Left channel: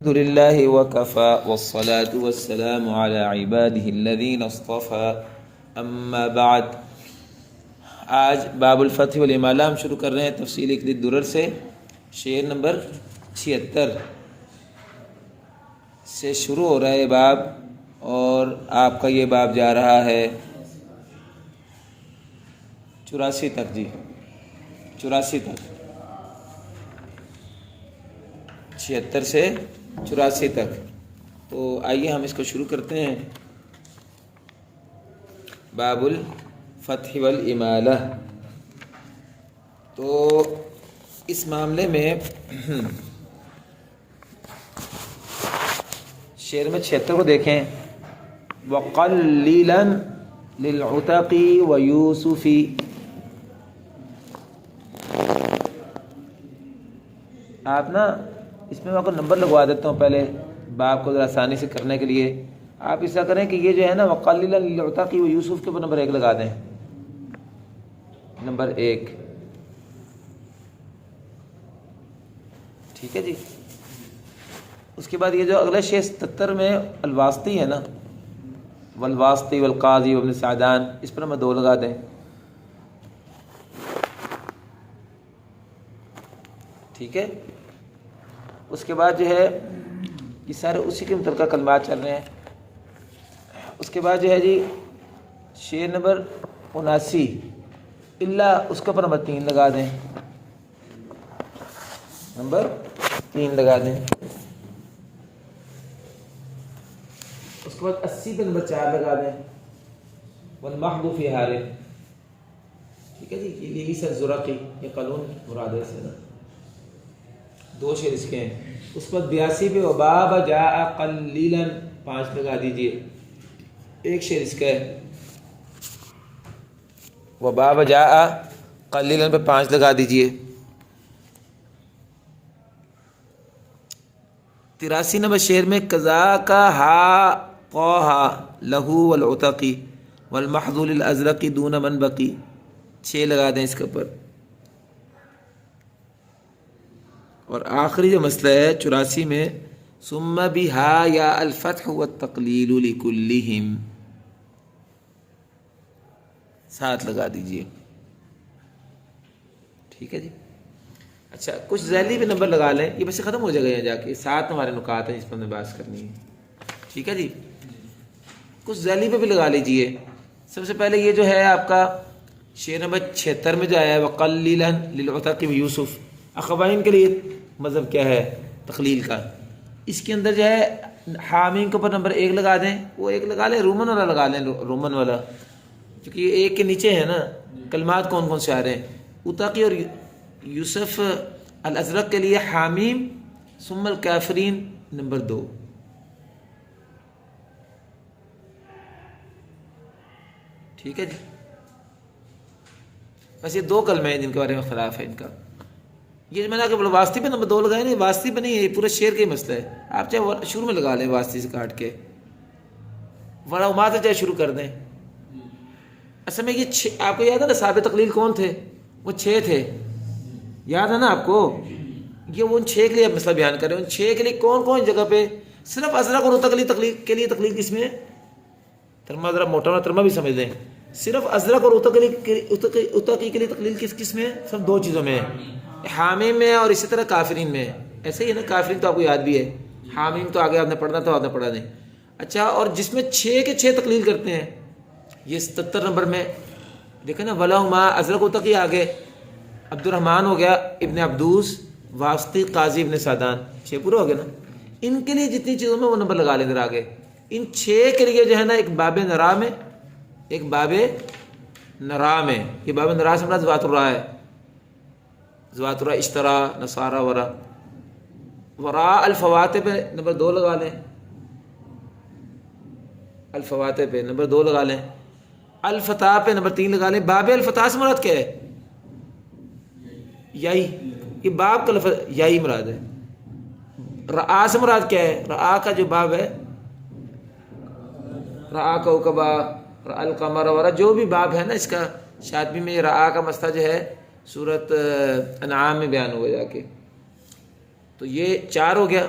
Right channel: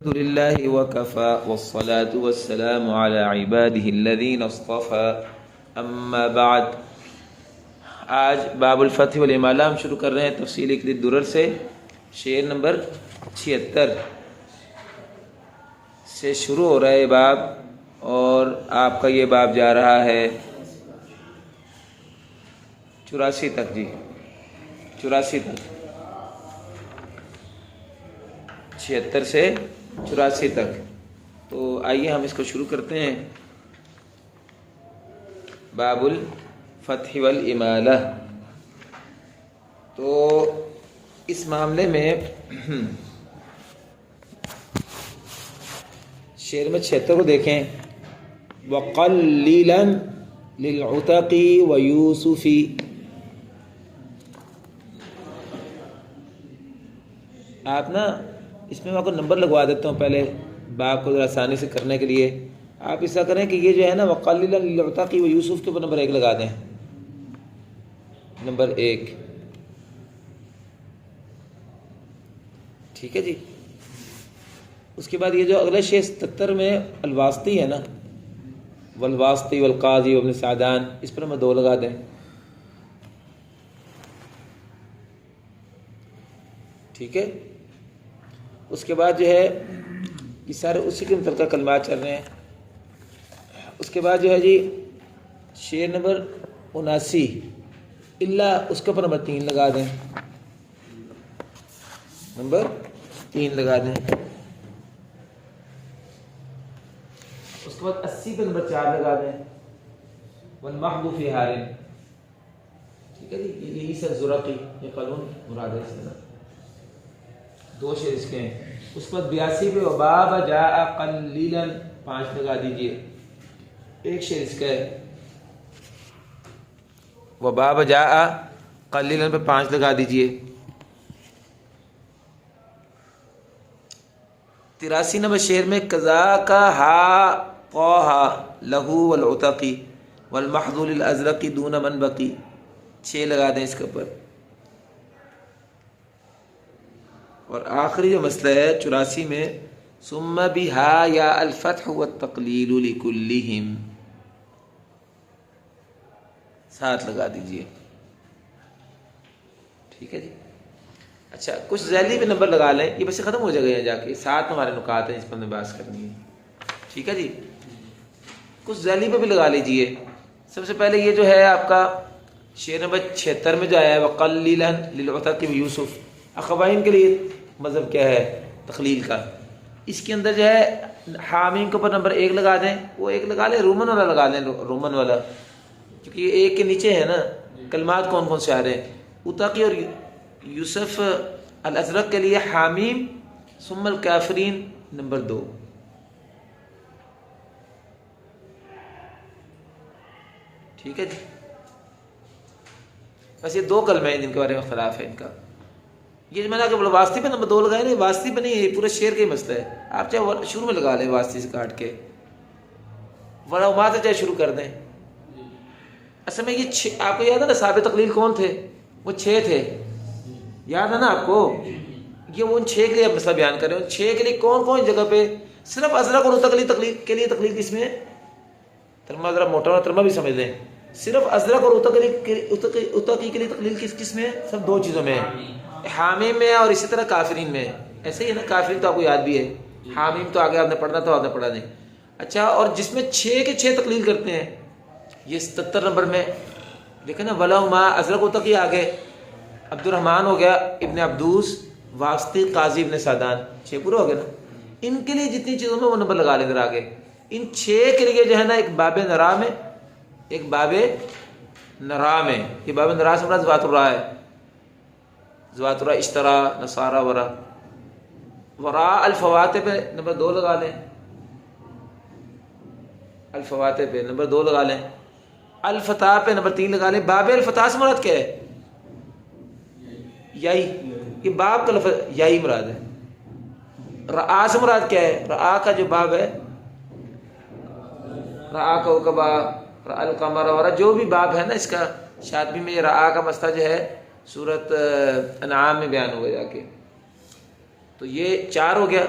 الحمد لله وكفى والصلاة والسلام على عباده الذين اصطفى اما بعد. آج باب الفتح والامالہ ہم شروع کر رہے ہیں تفصیل اکلی الدرر سے. شعر نمبر 76 سے شروع ہو رہا ہے باب، اور آپ کا یہ باب جا رہا ہے 84 تک. جی 84 تک، 76 سے 84 تک. تو آئیے ہم اس کو شروع کرتے ہیں. باب الفتح والامالہ. تو اس معاملے میں شعر میں 76 کو دیکھیں. وَقَلِّلًا لِلْعُتَقِ وَيُوسُفِ. آپ نا اس میں میں آپ کو نمبر لگوا دیتا ہوں پہلے باب کو ذرا آسانی سے کرنے کے لیے. آپ ایسا کریں کہ یہ جو ہے نا وَقَلِّلًا لِلْعُتَقِ وَيُوسُفِ کے اوپر نمبر 1 لگا دیں. نمبر 1 ٹھیک ہے جی. اس کے بعد یہ جو اگلے شعر 77 میں الواسطی ہے نا، والواسطی والقاضی وابن سعدان، اس پر نمبر 2 لگا دیں. ٹھیک ہے. اس کے بعد جو ہے یہ سارے اسی کے متعلقہ کلمات چل رہے ہیں. اس کے بعد جو ہے جی شعر نمبر 79 اللہ، اس کے اوپر نمبر 3 لگا دیں. نمبر 3 لگا دیں. اس کے بعد 80 پہ نمبر 4 لگا دیں. والمحض فی حال. ٹھیک ہے جی. یہ عیسی الزرقی، یہ قانون مراد ہے سے نا، 2 شعر اس کے ہیں. اس پر 82 پہ وباب جاء قلیلا 5 لگا دیجئے. 1 شعر اس کا ہے. وباب جاء قلیلا پہ 5 لگا دیجئے. 83 نمبر شعر میں کذاک ہا قوہا لہو والعتقی والمحض للازرقی دون من بقی. 6 لگا دیں اس کے اوپر. اور آخری جو مسئلہ ہے 84 میں ثم بها یا الفتح والتقلیل لکلہم، 7 لگا دیجئے. ٹھیک ہے جی. اچھا کچھ ذیلی پہ نمبر لگا لیں، یہ بس ختم ہو جائے گا یہاں جا کے. 7 ہمارے نکات ہیں جس پر ہمیں بحث کرنی ہے. ٹھیک ہے جی. کچھ ذیلی پہ بھی لگا لیجئے. سب سے پہلے یہ جو ہے آپ کا شعر نمبر 76 میں جو آیا ہے وَقَلِّلًا لِلْعُتَقِ وَيُوسُفَ، اخوین کے لیے مطلب کیا ہے تخلیل کا. اس کے اندر جو ہے حامیم کے اوپر نمبر 1 لگا دیں. وہ 1 لگا لیں، رومن والا لگا لیں، رومن والا، کیونکہ یہ 1 کے نیچے ہے نا. کلمات کون کون سے آ رہے ہیں؟ عتقی اور یوسف الازرق کے لیے حامیم ثم الکافرین نمبر 2. ٹھیک ہے جی. بس یہ 2 کلمے ہیں جن کے بارے میں خلاف ہے ان کا. یہ میں نے کہ واسطی پہ نمبر 2 لگائے نہیں، واسطی پہ نہیں ہے، یہ پورے شعر کا ہی مسئلہ ہے. آپ چاہے شروع میں لگا لیں واسطی سے کاٹ کے، ورنہ سے چاہے شروع کر دیں. اصل میں یہ آپ کو یاد ہے نا صاحب تقلیل کون تھے؟ وہ 6 تھے. یاد ہے نا آپ کو؟ یہ وہ ان 6 کے لیے آپ مسئلہ بیان کر رہے ہیں. ان 6 کے لیے کون کون جگہ پہ صرف ازرق اور تقلیل کے لیے تقلیل کس میں؟ ترما ذرا موٹا اور ترما بھی سمجھ لیں. صرف ازرق اور اتقی کے لیے تقلیل کس میں؟ صرف 2 چیزوں میں ہے، حامیم میں اور اسی طرح کافرین میں. ایسے ہی ہے نا، کافرین تو آپ کو یاد بھی ہے، حامیم تو آگے آپ نے پڑھنا تھا، آپ نے پڑھا نہیں. اچھا، اور جس میں 6 کے 6 تقلیل کرتے ہیں، یہ 77 نمبر میں دیکھیں نا. وَلَهُمَا ازرق اتقی آگے عبد الرحمن ہو گیا، ابن عبدوس، واسطی، قاضی، ابن سعدان، 6 پورے ہو گئے نا. ان کے لیے جتنی چیزوں میں وہ نمبر لگا لیں ادھر آگے. ان 6 کے لیے جو ہے نا ایک باب نرا میں، ایک باب نرا میں. یہ باب نرا سے مراد ذوات الراء ہے. ذوات الراء اشترا، نصارا، ورا. ورا الفواتح پہ نمبر 2 لگا لیں. الفواتح پہ نمبر 2 لگا لیں. الفتح پہ نمبر 3 لگا لیں. باب الفتح سے مراد کیا ہے؟ یائی. یہ باب کا لفظ یائی مراد ہے. رعا سے مراد کیا ہے؟ رعا کا جو باب ہے، رعا کا وقبا، رعا القمر وغیرہ جو بھی باب ہے نا اس کا شاطبی میں، رعا کا مسئلہ جو ہے سورت انعام میں بیان ہوا جا کے. تو یہ 4 ہو گیا.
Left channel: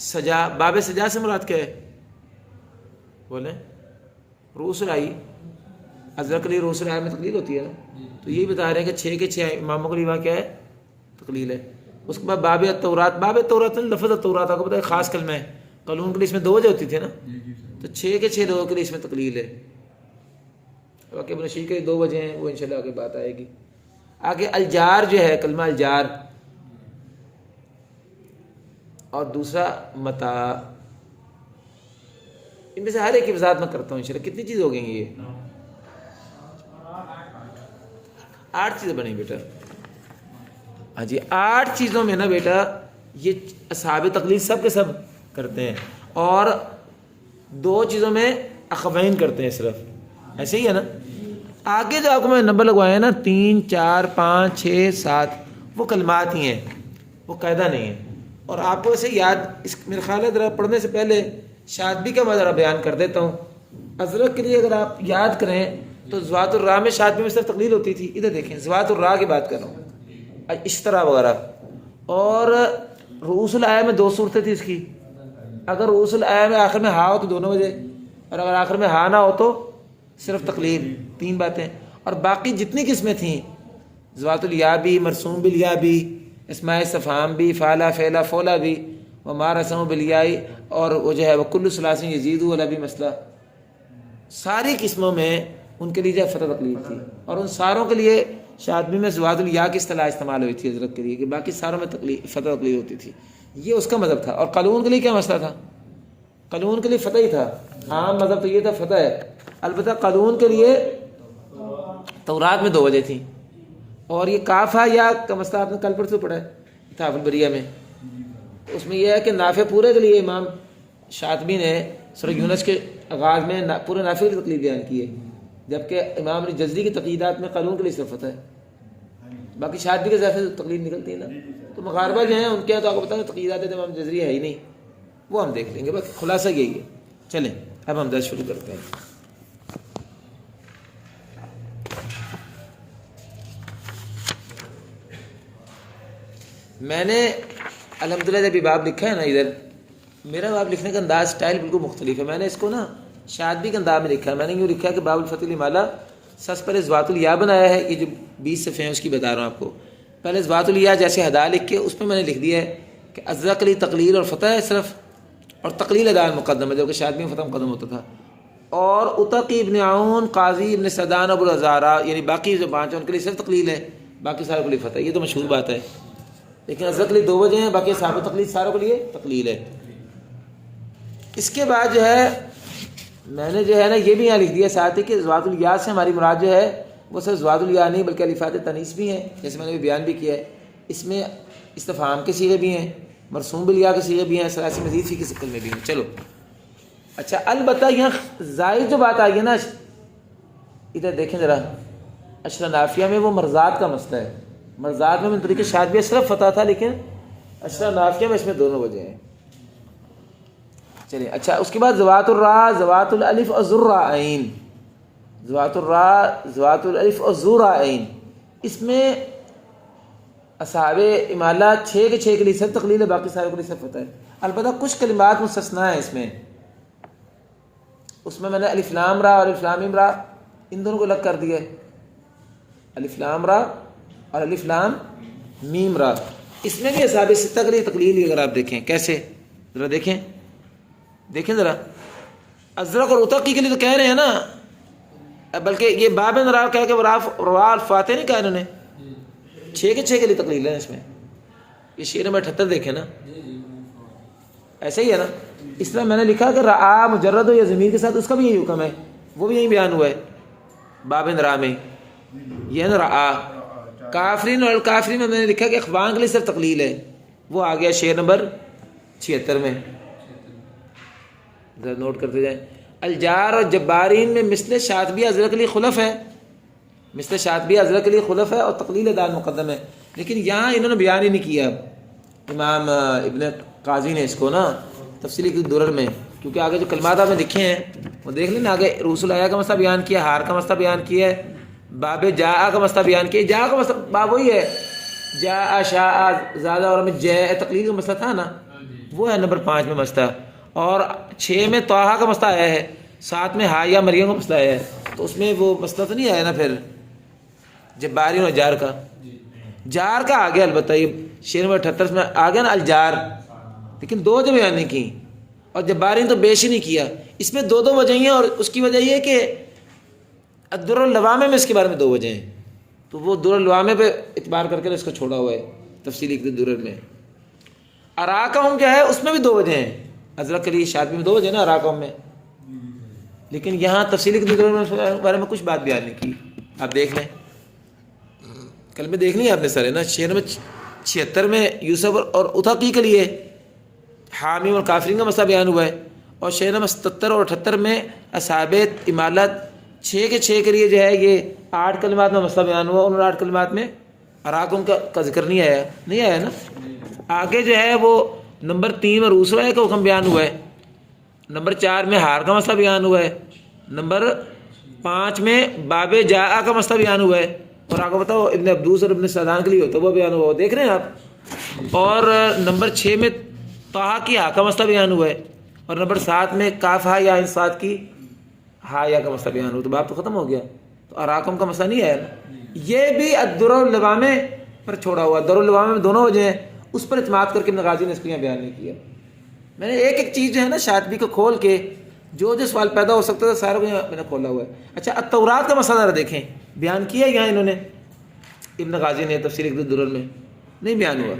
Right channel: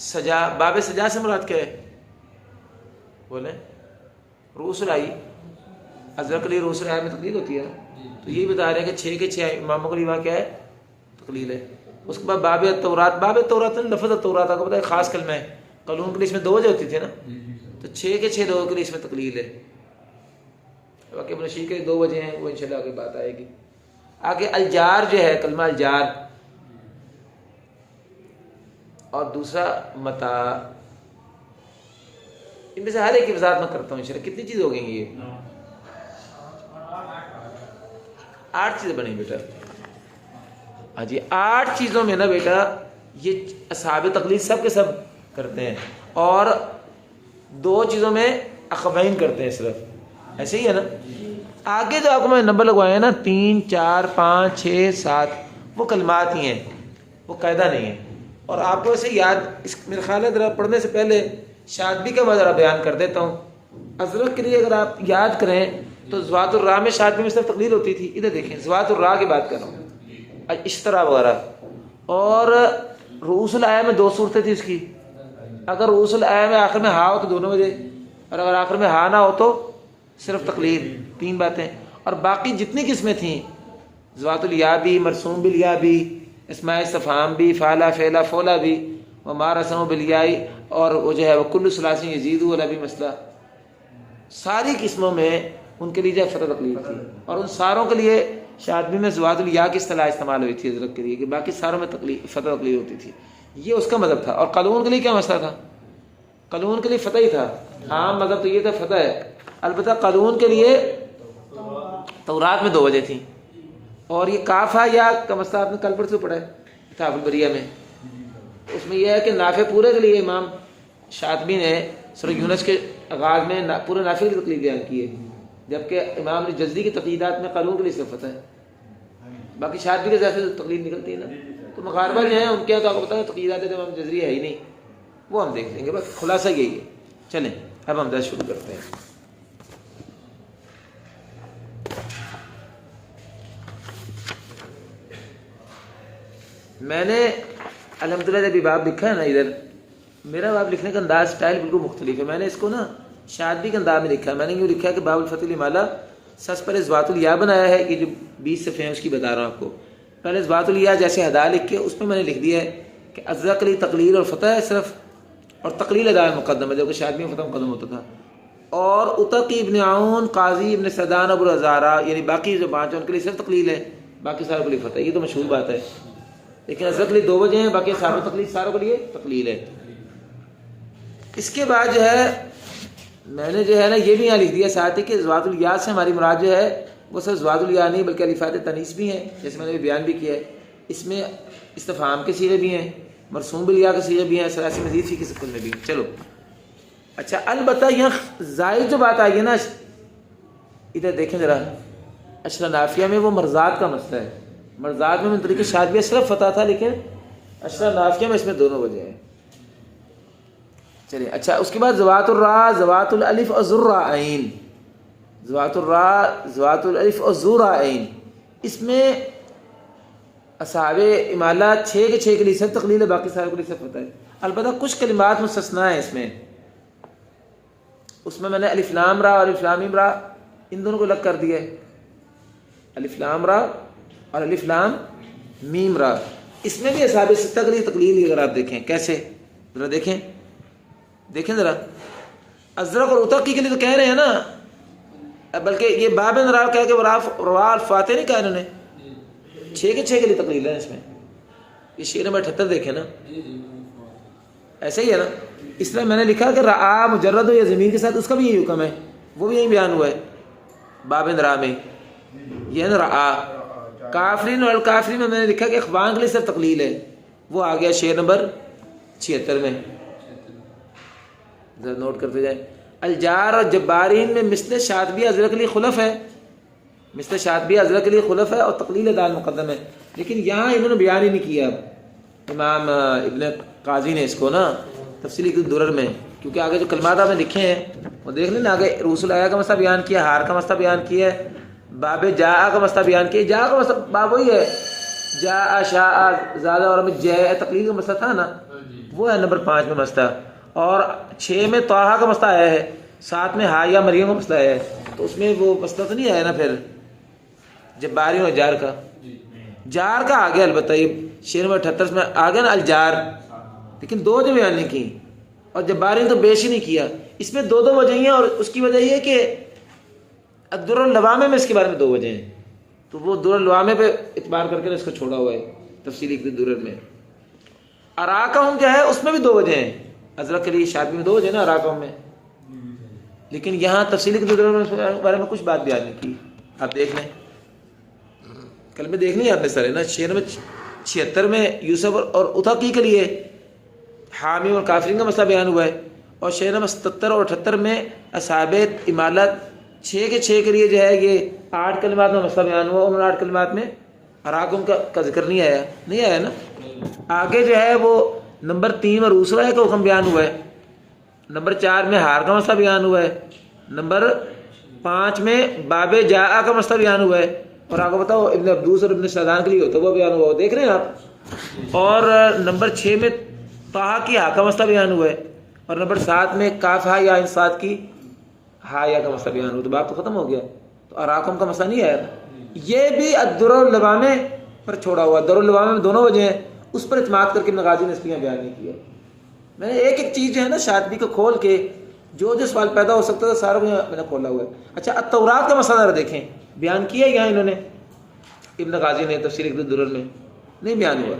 سجا، باب سجا سے مراد کیا ہے؟ بولیں رؤوس الرائی، ازرق علی رؤوس الرائی میں تقلیل ہوتی ہے نا، تو یہی بتا رہے ہیں کہ 6 کے 6 اماموں کے لیے وہاں کیا ہے؟ تقلیل ہے۔ اس کے بعد باب التورات، باب التورات لفظ التورات آپ کو پتا ہے خاص کلمہ ہے، قانون کے لیے اس میں 2 وجہ ہوتی تھی نا، تو 6 کے 6 لوگوں کے لیے اس میں تقلیل ہے۔ واقعی ابن شیخ کے 2 وجہ ہیں، وہ انشاءاللہ آگے بات آئے گی۔ آگے الجار جو ہے، کلمہ الجار، اور دوسرا متاع، ان میں سے ہر ایک کی وضاحت میں کرتا ہوں انشاءاللہ۔ کتنی چیز ہو گئی ہیں؟ یہ 8 چیزیں بنی بیٹا۔ ہاں جی، 8 چیزوں میں نا بیٹا یہ اصحاب تقلید سب کے سب کرتے ہیں، اور 2 چیزوں میں اخوین کرتے ہیں صرف، ایسے ہی ہے نا۔ آگے جو آپ کو میں نمبر لگوایا نا 3 4 5 6 7، وہ کلمات ہی ہیں، وہ قاعدہ نہیں ہے۔ اور آپ کو اسے یاد، اس میرے خیال ہے ذرا پڑھنے سے پہلے شادبی کا میں ذرا بیان کر دیتا ہوں۔ ازرق کے لیے اگر آپ یاد کریں تو زوات الراء میں شادبی میں صرف تقلیل ہوتی تھی، ادھر دیکھیں زوات الراء کی بات کر رہا ہوں، اشترا وغیرہ۔ اور رؤوس الآیہ میں 2 صورتیں تھی اس کی، اگر رؤوس الآیہ میں آخر میں ہا ہو تو دونوں وجہ، اور اگر آخر میں ہا نہ ہو تو صرف تقلیل، 3 باتیں۔ اور باقی جتنی قسمیں تھیں، زوات الیا بھی، مرسوم بالیا بھی، اسماء استفہام بھی، فعلا فعلا فولا بھی، وما رسم بالیائی، اور وہ جو ہے وہ کل ثلاث یزید والا بھی مسئلہ، ساری قسموں میں ان کے لیے جو فتح تقلیل تھی، اور ان ساروں کے لیے شاطبی میں زوات الیا کی اصطلاح استعمال ہوئی تھی حضرت کے لیے، کہ باقی ساروں میں فتح تقلیل ہوتی تھی، یہ اس کا مذہب تھا۔ اور قانون کے لیے کیا مسئلہ تھا؟ قانون کے لیے فتح ہی تھا، عام مذہب تو یہ تھا فتح ہے، البتہ قانون کے لیے تورات میں 2 وجہ تھیں، اور یہ کافا یا کا مسئلہ آپ نے کل پرسوں پڑھا ہے کتاب البریہ میں، اس میں یہ ہے کہ نافع پورے کے لیے امام شاطبی نے سورہ یونس کے آغاز میں پورے نافع کی تقلید بیان کی ہے، جبکہ امام جزری کی تقلیدات میں قانون کے لیے صرف فتح ہے، باقی شاطبی کے ذات سے تقلید نکلتی ہے نا۔ تو مغاربہ جو ہیں ان کے تو آپ کو بتائیں تقلیدات امام جزری ہے ہی نہیں، وہ ہم دیکھ لیں گے، بس خلاصہ یہی ہے۔ چلیں اب ہم درس شروع کرتے ہیں۔ میں نے الحمدللہ جب باب لکھا ہے نا، ادھر میرا باب لکھنے کا انداز سٹائل بالکل مختلف ہے۔ میں نے اس کو نا شادبی کے انداز میں لکھا ہے، میں نے یوں لکھا ہے کہ باب الفتح المالا، سس پر زوات الیا بنایا ہے، یہ جو 20 صفحے ہیں اس کی بتا رہا ہوں آپ کو۔ پہلے زوات الیا جیسے ہدا لکھ کے اس میں نے لکھ دیا ہے کہ ازرق علی تقلیل اور فتح ہے صرف، اور تقلیل ادا مقدم ہے، جو کہ شادبی میں فتح مقدم ہوتا تھا۔ اور اتقی ابن عون، قاضی ابن سیدان، ابو الازارہ، یعنی باقی جو 5 ہیں ان کے لیے صرف تقلیل ہے، باقی ساروں کے لیے فتح ہے، یہ تو مشہور بات ہے۔ لیکن ازرق کے لیے 2 وجہ ہیں، باقی صاحب تقلید ساروں کے لیے تقلیل ہے۔ اس کے بعد جو ہے میں نے جو ہے نا یہ بھی یہاں لکھ دیا ساتھ ہی کہ زوات الیا سے ہماری مراد جو ہے وہ صرف زوات الیا نہیں بلکہ الفات تنیث بھی ہیں، جیسے میں نے بیان بھی کیا ہے۔ اس میں استفہام کے صیغے بھی ہیں، مرسوم بالیا کے صیغے بھی ہیں، ثلاثی مزید فی کے شکل میں بھی ہیں۔ چلو اچھا، البتہ یہاں زائد جو بات آئی ہے نا، ادھر دیکھیں ذرا، اشرا نافیہ میں وہ مرزات کا مسئلہ ہے۔ مرزات میں طریقے شادبیہ صرف فتح تھا، لیکن اشرا نافیہ میں اس میں دونوں وجہ ہیں۔ چلیے اچھا، اس کے بعد زوات الراء، زوات الالف اور ذرا عین، زوات الراء، زوات الالف اور ذرا عین، اس میں اصحاب امالہ 6 کے 6 کے لیے صرف تقلیل ہے، باقی ساروں کے لیے صرف فتح ہے۔ البتہ کچھ کلمات مستثنیٰ ہیں اس میں نے الف لام را اور الف لام میم را ان دونوں کو الگ کر دیا ہے، الف لام را اور الف لام میم را، اس میں بھی اصحاب ستہ کے لیے تقلیل ہے۔ اگر آپ دیکھیں کیسے، ذرا دیکھیں ذرا، ازرق اور اتقی کے لیے تو کہہ رہے ہیں نا، بلکہ یہ باب را کہہ کے روا الفاتح نہیں کہا انہوں نے، 6 کے 6 کے لیے تقلیل ہے اس میں۔ یہ شعر نمبر 78 دیکھیں نا، ایسے ہی ہے نا۔ اس طرح میں نے لکھا کہ رعا مجرد ہو یا ضمیر کے ساتھ، اس کا بھی یہی حکم ہے، وہ بھی یہی بیان ہوا ہے باب را میں، یہ ہے نا رعا۔ کافرین اور الکافرین میں نے لکھا کہ اخوان کے لیے صرف تقلیل ہے، وہ آ گیا شعر نمبر 76 میں، ذرا نوٹ کرتے جائیں۔ الجار اور جبارین میں مثل شاطبی ازرق کے لیے خلف ہے، مثل شاطبی ازرق کے لیے خلف ہے اور تقلیل دال مقدم ہے، لیکن یہاں انہوں نے بیان ہی نہیں کیا امام ابن قاضی نے اس کو نا تفصیلی درر میں، کیونکہ آگے جو کلمات آپ نے لکھے ہیں وہ دیکھ لیں نا، آگے رؤوس الآیہ کا مسئلہ بیان کیا، ہار کا مسئلہ بیان کیا ہے، باب جاء کا مسئلہ بیان کیا، جاء کا مسئلہ باب وہی ہے، جاء شاء زیادہ، اور ہمیں جاء تقلیل کا مسئلہ تھا نا، وہ ہے نمبر 5 میں مسئلہ، اور 6 میں طٰہٰ کا مسئلہ آیا ہے، 7 میں ہا یا مریم کا مسئلہ آیا ہے، تو اس میں وہ مسئلہ تو نہیں آیا نا پھر جباری اور جار کا؟ جار کا آ گیا البتہ، یہ شعر نمبر 78 میں آ گیا نا الجار، لیکن 2 وجہ بیان نہیں کی، اور جباری نے تو بیش ہی نہیں کیا۔ اس میں 2 وجہ ہیں، اور اس کی وجہ یہ ہے کہ الدر اللوامہ میں اس کے بارے میں 2 وجہ ہیں، تو وہ در اللوامہ پہ اعتبار کر کے اس کو چھوڑا ہوا ہے تفصیلی درر میں۔ اراکہم جو ہے اس میں بھی 2 وجہ ہیں، ازرق کے لیے شادی میں 2 وجہ ہیں نا اراکہم میں، لیکن یہاں تفصیلی درر میں بارے میں کچھ بات بیان نہیں کی۔ آپ دیکھ لیں، کل میں دیکھ لیں آپ نے سر ہے نا، شعر میں 76 میں یوسف اور اتھقی کے لیے حامی اور کافرین کا مسئلہ بیان ہوا ہے، اور شعر نمبر 77 اور 78 میں اصحاب امالت 6 کے 6 کے لیے جو ہے یہ 8 کلمات میں مسئلہ بیان ہوا، ان 8 کلمات میں اراکم کا ذکر نہیں آیا نا۔ آگے جو ہے وہ نمبر 3 میں روسرا کا حکم بیان ہوا ہے، نمبر 4 میں ہار کا مسئلہ بیان ہوا ہے، نمبر 5 میں باب جاء کا مسئلہ بیان ہوا ہے، اور آگے بتاؤ ابن عبدوس اور ابن سعدان کے لیے ہوتا ہے وہ بیان ہوا، وہ دیکھ رہے ہیں آپ، اور نمبر 6 میں طٰہٰ کی ہا کا مسئلہ بیان ہوا ہے، اور نمبر 7 میں کاف ہا یا انصاد کی ہا یا کا مسئلہ بیان ہوا، تو بات تو ختم ہو گیا، تو اراکم کا مسئلہ نہیں آیا۔ یہ بھی الدر اللوامہ پر چھوڑا ہوا، در اللوامہ میں 2 وجہ ہیں، اس پر اعتماد کر کے ابن غازی نے اس کو بیان نہیں کیا۔ میں نے ایک چیز جو ہے نا شاطبی کو کھول کے جو سوال پیدا ہو سکتا تھا سارا کو میں نے کھولا ہوا ہے۔ اچھا التورات کا مسئلہ ذرا دیکھیں، بیان کیا یہاں انہوں نے ابن غازی نے تفسیر الدرر میں نہیں بیان ہوا۔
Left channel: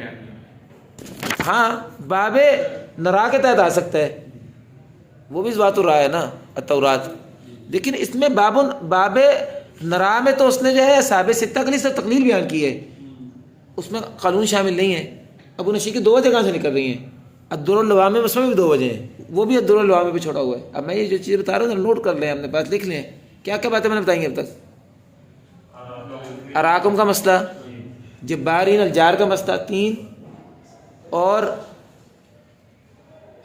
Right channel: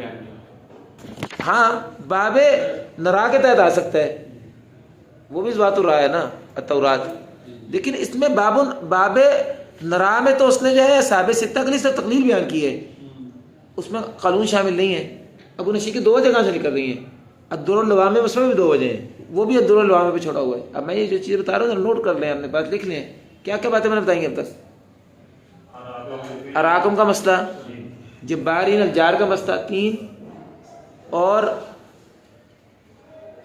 ہاں باب نرا کے تحت آ سکتا ہے، وہ بھی ذات الرا ہے نا التورات، لیکن اس میں باب نرا میں تو اس نے جو ہے صحاب 6 کے لیے سے تقلیل بیان کی ہے، اس میں قانون شامل نہیں ہے۔ ابو نشی کی 2 جگہ سے نکل رہی ہیں، الدر اللوامہ میں اس میں بھی 2 وجہ ہیں، وہ بھی الدر اللوامہ پہ چھوڑا ہوا ہے۔ اب میں یہ جو چیزیں بتا رہا ہوں نوٹ کر لیں، ہم نے بات لکھ لیں، کیا کیا باتیں میں نے بتائی ہیں اب تک۔ اراکم کا مسئلہ، جبارین الجار کا مسئلہ 3، اور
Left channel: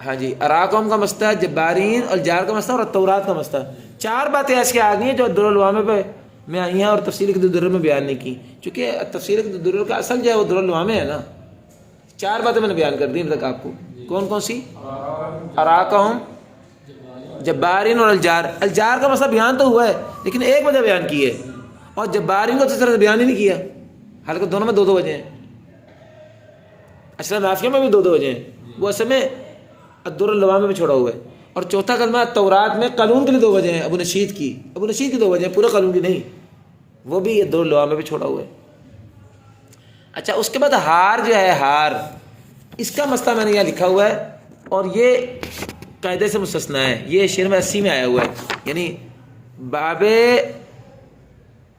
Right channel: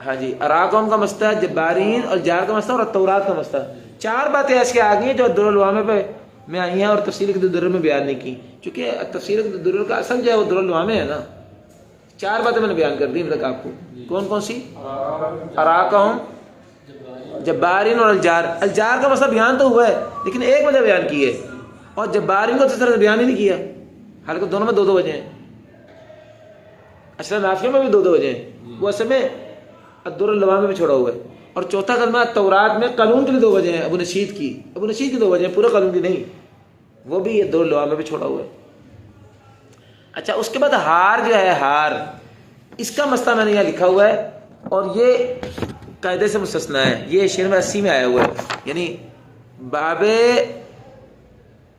ہاں جی اراکم کا مسئلہ، جبارین الجار کا مسئلہ، اور التورات کا مسئلہ، 4 باتیں ایسی آ گئی ہیں جو الدر اللوامہ پہ میں آئی ہیں اور تفسیر الدرر میں بیان نہیں کی، چونکہ تفسیر الدرر کا اصل جو ہے وہ در اللوامہ ہے نا۔ 4 باتیں میں نے بیان کر دی اب تک آپ کو، کون سی؟ اراکہم، جبارین اور الجار۔ الجار کا مسئلہ بیان تو ہوا ہے لیکن ایک وجہ بیان کی ہے، اور جبارین کو اس طرح سے بیان ہی نہیں کیا، حالانکہ دونوں میں 2 وجہ ہیں، اصل نافیہ میں بھی 2 وجہ ہیں، وہ اصل میں الدر اللوامہ میں چھوڑا ہوا ہے۔ اور چوتھا کلمہ تورات میں قانون کے لیے 2 وجہ ہیں، ابو نشید کی 2 وجہ ہیں، پورے قانون کی نہیں، وہ بھی الدر اللوامہ میں چھوڑا ہوا ہے۔ اچھا اس کے بعد ہار جو ہے، ہار اس کا مسئلہ میں نے یہاں لکھا ہوا ہے، اور یہ قاعدے سے مستثنا ہے، یہ شعر میں 80 میں آیا ہوا ہے، یعنی باب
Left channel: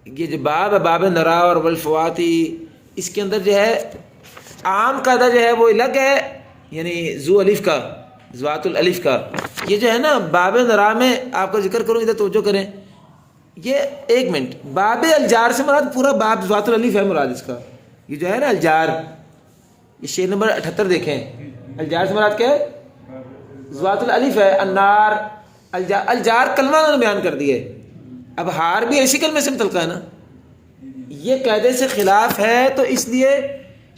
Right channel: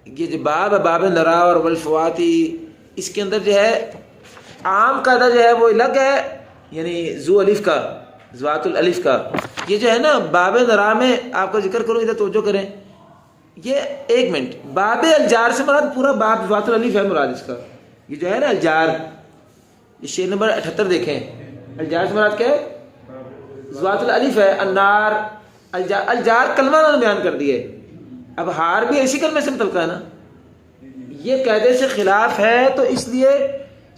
یہ جو باب نرا اور والفواتی، اس کے اندر جو ہے عام قاعدہ جو ہے وہ الگ ہے، یعنی ذو الف کا، ذوات الالف کا، یہ جو ہے نا باب نرا میں آپ کا ذکر کروں، ادھر توجہ کریں، یہ 1 منٹ، باب الجار سے مراد پورا باب ذوات الالف ہے مراد اس کا، یہ جو ہے نا الجار، یہ شعر نمبر 78 دیکھیں، الجار سے مراد کیا ہے؟ ذوات الالف ہے، النار، الجار کلمہ انہوں نے بیان کر دی ہے۔ اب ہار بھی ایسی کلمے سے متعلقہ ہے نا، یہ قاعدے سے خلاف ہے، تو اس لیے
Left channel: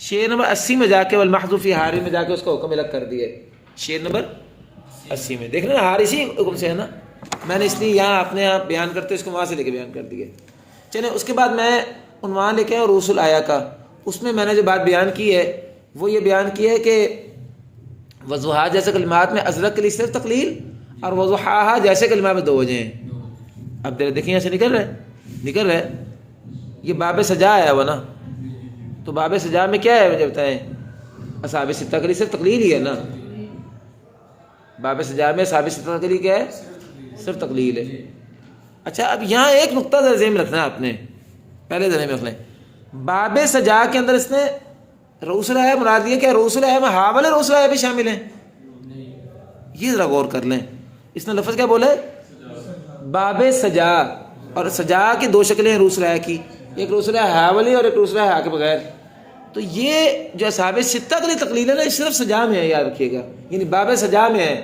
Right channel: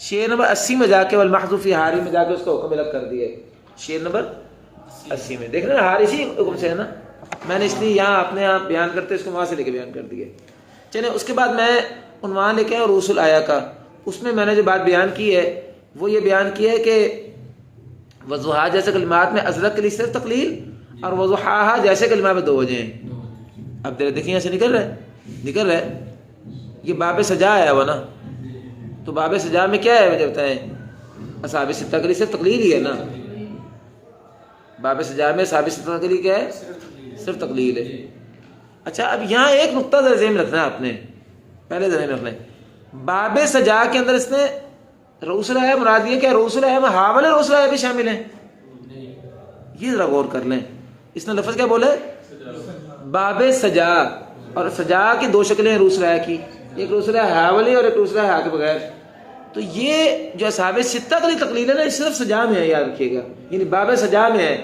شعر نمبر 80 میں جا کے والمحذوف فی ہاری میں جا کے اس کا حکم الگ کر دیا ہے، شعر نمبر 80 میں دیکھ رہے ہیں، ہار اسی حکم سے ہے نا، میں نے اس لیے یہاں اپنے آپ بیان کرتے اس کو وہاں سے لے کے بیان کر دیا۔ چلیں اس کے بعد میں عنوان لے کے رؤوس الآیہ کا، اس میں نے جو بات بیان کی ہے وہ یہ بیان کی ہے کہ وضحا جیسے کلمات میں ازرق کے لیے صرف تقلیل، اور وضحاہا جیسے کلمات میں 2 وجہ ہیں۔ اب دیکھیں یہاں سے نکل رہا ہے، یہ باب سجا آیا ہوا نا، تو باب سجا میں کیا ہے مجھے بتائیں؟ اصحاب 6 کے لیے صرف تقلیل ہی ہے نا، باب سجا میں اصحاب 6 کے لیے کیا ہے؟ صرف تقلیل ہے۔ اچھا اب یہاں ایک نقطہ ذہن میں رکھنا ہے آپ نے، پہلے ذہن میں رکھ لیں، باب سجا کے اندر اس نے رؤوس الآیہ مراد یہ کہ رؤوس الآیہ میں ہا والے رؤوس الآیہ بھی شامل ہیں، یہ ذرا غور کر لیں، اس نے لفظ کیا بولے؟ باب سجا، اور سجا کی 2 شکلیں ہیں رؤوس الآیہ کی، ایک رؤوس الآیہ ہا والی اور ایک رؤوس الآیہ ہا کے بغیر، تو یہ جو اصحاب 6 کے لیے تقلیل ہے نا، صرف سجا میں ہے، یاد رکھیے گا، یعنی باب سجا میں ہے،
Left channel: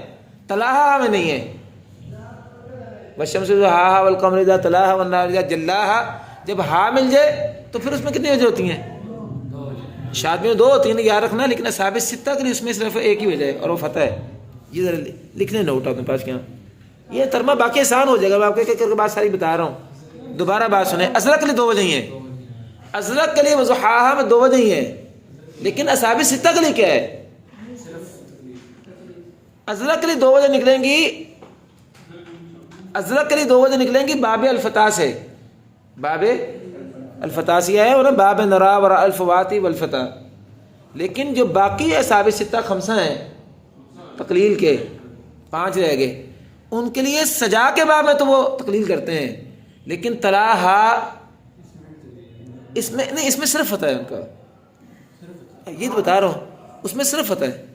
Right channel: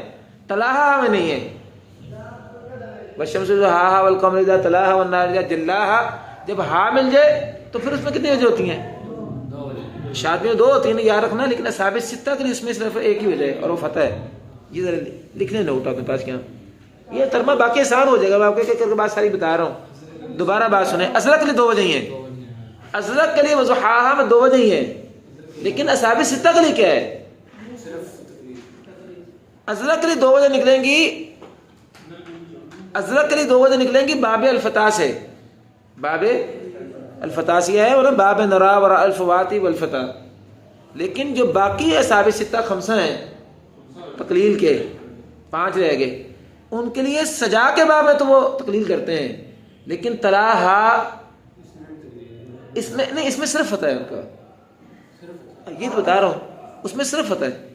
طلاہا میں نہیں ہے۔ والشمس ضحاہا والقمر اذا تلاہا والنہار اذا جلاہا، جب ہا مل جائے تو پھر اس میں کتنی وجہ ہوتی ہیں؟ شادی میں 2 ہوتی ہیں یاد رکھنا، لیکن اصحاب ستہ کے لیے اس میں صرف ایک ہی وجہ ہے اور وہ فتح ہے. یہ ذرا لکھنے نوٹ اپنے پاس کیا، یہ ترجمہ باقی آسان ہو جائے گا. میں آپ کے بات ساری بتا رہا ہوں، دوبارہ بات سنیں. ازرق کے لیے 2 وجہ ہی ہیں. ازرق کے لیے وضحاہا میں 2 وجہ ہی ہیں، لیکن اصحاب ستہ کے لیے کیا ہے؟ ازرق کے لیے 2 وجہ نکلیں گی. ازرق کے لیے 2 وجہ نکلیں گی باب الفتح سے. باب الفتح سے ہے اور باب نرا ور الفواتی والفتح. لیکن جو باقی اصحاب ستہ 5 ہیں تقلیل کے، 5 رہ گئے، ان کے لیے سجا کے باب ہے تو وہ تقلیل کرتے ہیں. لیکن تراہا اس میں نہیں، اس میں صرف فتح ہے ان کا. یہ تو بتا رہا ہوں، اس میں صرف فتح ہے،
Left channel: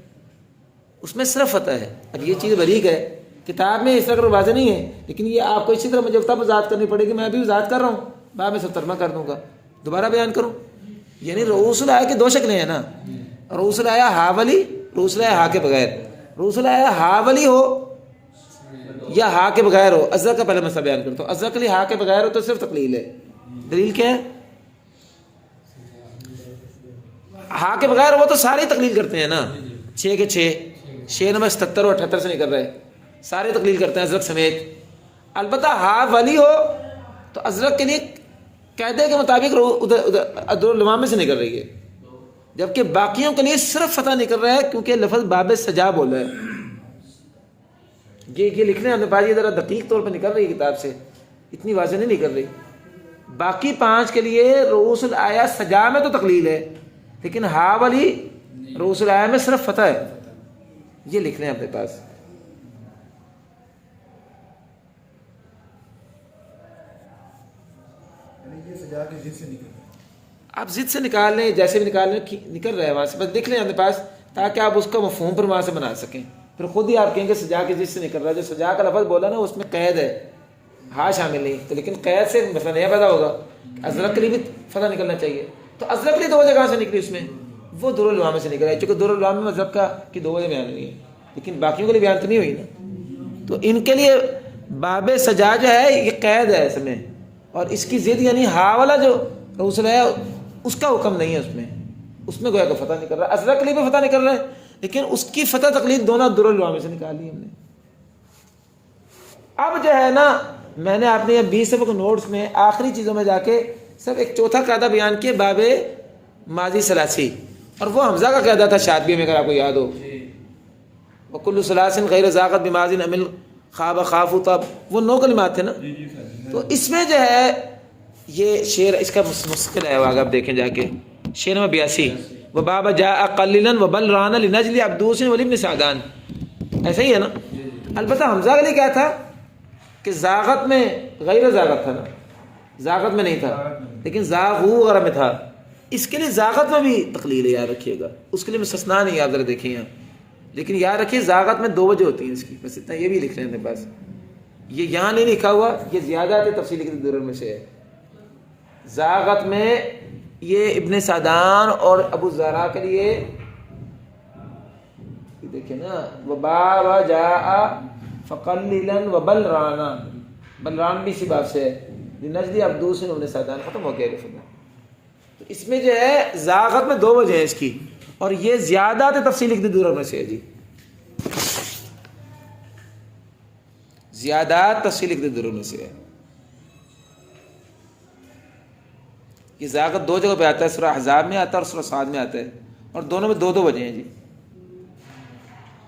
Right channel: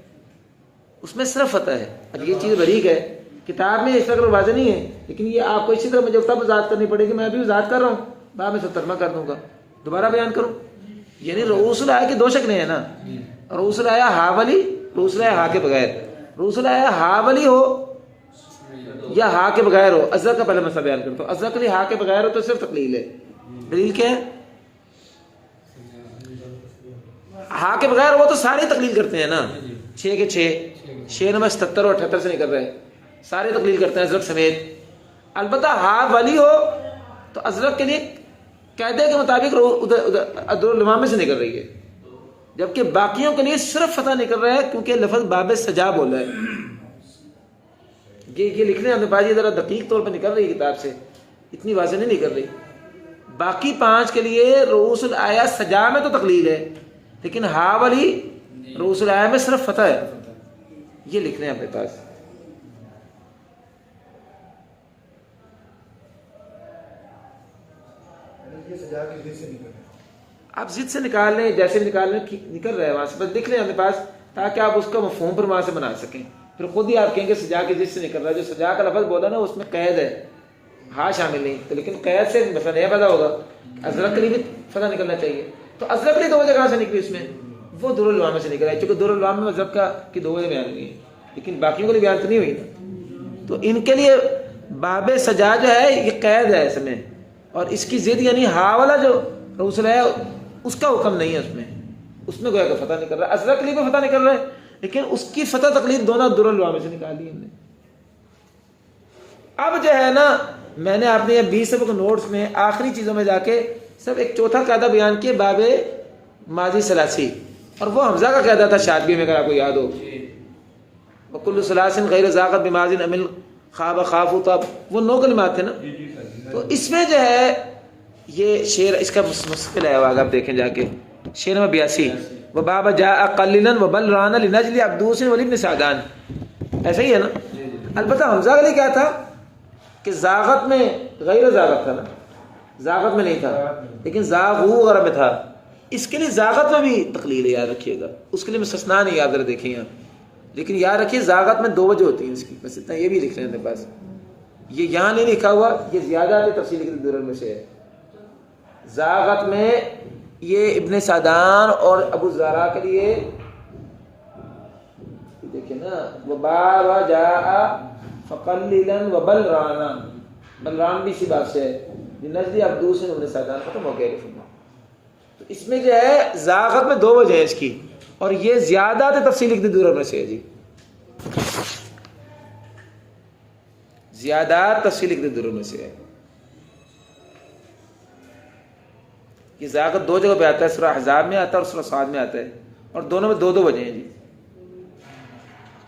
اس میں صرف فتح ہے. اب یہ چیز بریک ہے، کتاب میں اس طرح واضح نہیں ہے، لیکن یہ آپ کو اسی طرح مجھے تب وضاحت کرنی پڑے گی. میں ابھی وضاحت کر رہا ہوں، بعد میں سب ترجمہ کر دوں گا، دوبارہ بیان کروں. یعنی رؤوس الآیہ کی 2 شکلیں ہیں نا، رؤوس الآیہ ہا والی، رؤوس الآیہ ہا کے بغیر. رؤوس الآیہ ہا والی ہو یا ہا کے بغیر ہو. ازرق کا پہلے مسئلہ بیان کرتا ہوں. ازرق کے لیے ہا کے بغیر ہو تو صرف تقلیل ہے. دلیل کیا ہے؟ ہا کے بغیر ہو تو سارے تقلیل کرتے ہیں نا، 6 کے 6 نمبر 77 اور 78 سے نکل رہے ہیں، سارے تقلیل کرتے ہیں ازرق سمیت. البتہ ہا والی ہو تو ازرق کے لیے قاعدے کے مطابق عدالمامے سے نکل رہی ہے، جبکہ باقیوں کے لیے صرف فتح نکل رہا ہے کیونکہ لفظ باب سجا بولا ہے. یہ لکھنے آنے پاس یہ ذرا دقیق طور پر نکل رہی ہے کتاب سے، اتنی واضح نہیں نکل رہی. باقی 5 کے لیے رؤوس الآیہ سجا میں تو تقلیل ہے، لیکن ہا والی رؤوس الآیہ میں صرف فتح ہے. یہ لکھ لیں اپنے پاس. آپ ضد سے نکال لیں، جیسے بھی نکال لیں، نکل رہا ہے وہاں سے، بس لکھ لیں اپنے پاس تاکہ آپ اس کا مفہوم پر وہاں سے بنا سکیں. پھر خود ہی آپ کہیں گے سجا کے ضد سے نکل رہا ہے. جو سجا کا لفظ بولا نا اس میں قید ہے، ہاں شامل نہیں تو، لیکن قید سے مسئلہ نہیں پیدا ہوگا. ازرق کے لیے بھی فتح نکلنا چاہیے. تو ازرق کے لیے 2 وجہ کہاں سے نکلی اس میں؟ وہ دورالعلوم سے نکلا ہے، چونکہ دورالعلوم میں مذہب کا کی 2 وجہ بیان ہوئی ہے، لیکن باقیوں کے لیے بیان تو نہیں ہوئی نا. تو ان کے لیے باب سجا جو ہے یہ قید ہے اس میں، اور اس کی ضد یعنی ہا والا جو رؤوس ہے اس کا حکم نہیں ہے اس میں گویا کہ فتح نکل رہا ہے. ازرق کے لیے بھی فتح نکل رہا ہے، لیکن اس کی فتح تقلید دونوں دورالعلوم سے نکال لی ہم نے. اب جو ہے نا میں نے آپ نے 20 سبق نوٹس میں آخری چیزوں میں جا کے سب ایک چوتھا قاعدہ بیان کیا، باب ماضی ثلاثی، اور وہ حمزہ کا قاعدہ تھا شاطبی میں، اگر آپ کو یاد ہو. وکل ثلاث غیر ذاقت بماضی عمل خواب خاف تب، وہ 9 کلمات تھے نا. تو اس میں جو ہے یہ شعر اس کا مستقل ہے، آپ دیکھیں جا کے شعر نمبر 82، وباب جاء قلیلا وبل رانا لنجل عبدوس ولابن سعدان، ایسا ہی ہے نا. البتہ حمزہ کے لیے کیا تھا کہ زاغت میں غیر زاغت تھا نا، زاغت میں نہیں تھا لیکن زاغو وغیرہ میں تھا. اس کے لیے زاغت میں بھی تقلیل ہے، یاد رکھیے گا، اس کے لیے مستثنا نہیں. آپ ذرا دیکھیں یہاں، لیکن یاد رکھیے زاغت میں 2 وجہ ہوتی ہیں اس کی، بس اتنا یہ بھی لکھ لیں اپنے پاس. یہ یہاں نہیں لکھا ہوا، یہ زیادہ تفصیل کی دورن میں سے ہے. زاغت میں یہ ابن سعدان اور ابو زہرا کے لیے دیکھیں نا، وباب جاء فقلیلا وبلرانا، بلران بھی اسی بات سے ہے، نجدی عبدوس ابن سعدان، ختم ہو گیا. تو اس میں جو ہے زاغت میں 2 وجہ ہیں اس کی، اور یہ زیادہ تفصیل کی دورن میں سے ہے. جی زیادہ تفصیل کی دورن میں سے ہے. یہ زاغت 2 جگہ پہ آتا ہے، سورہ احزاب میں آتا ہے اور سورہ صاد میں آتا ہے، اور دونوں میں 2 وجہ ہیں. جی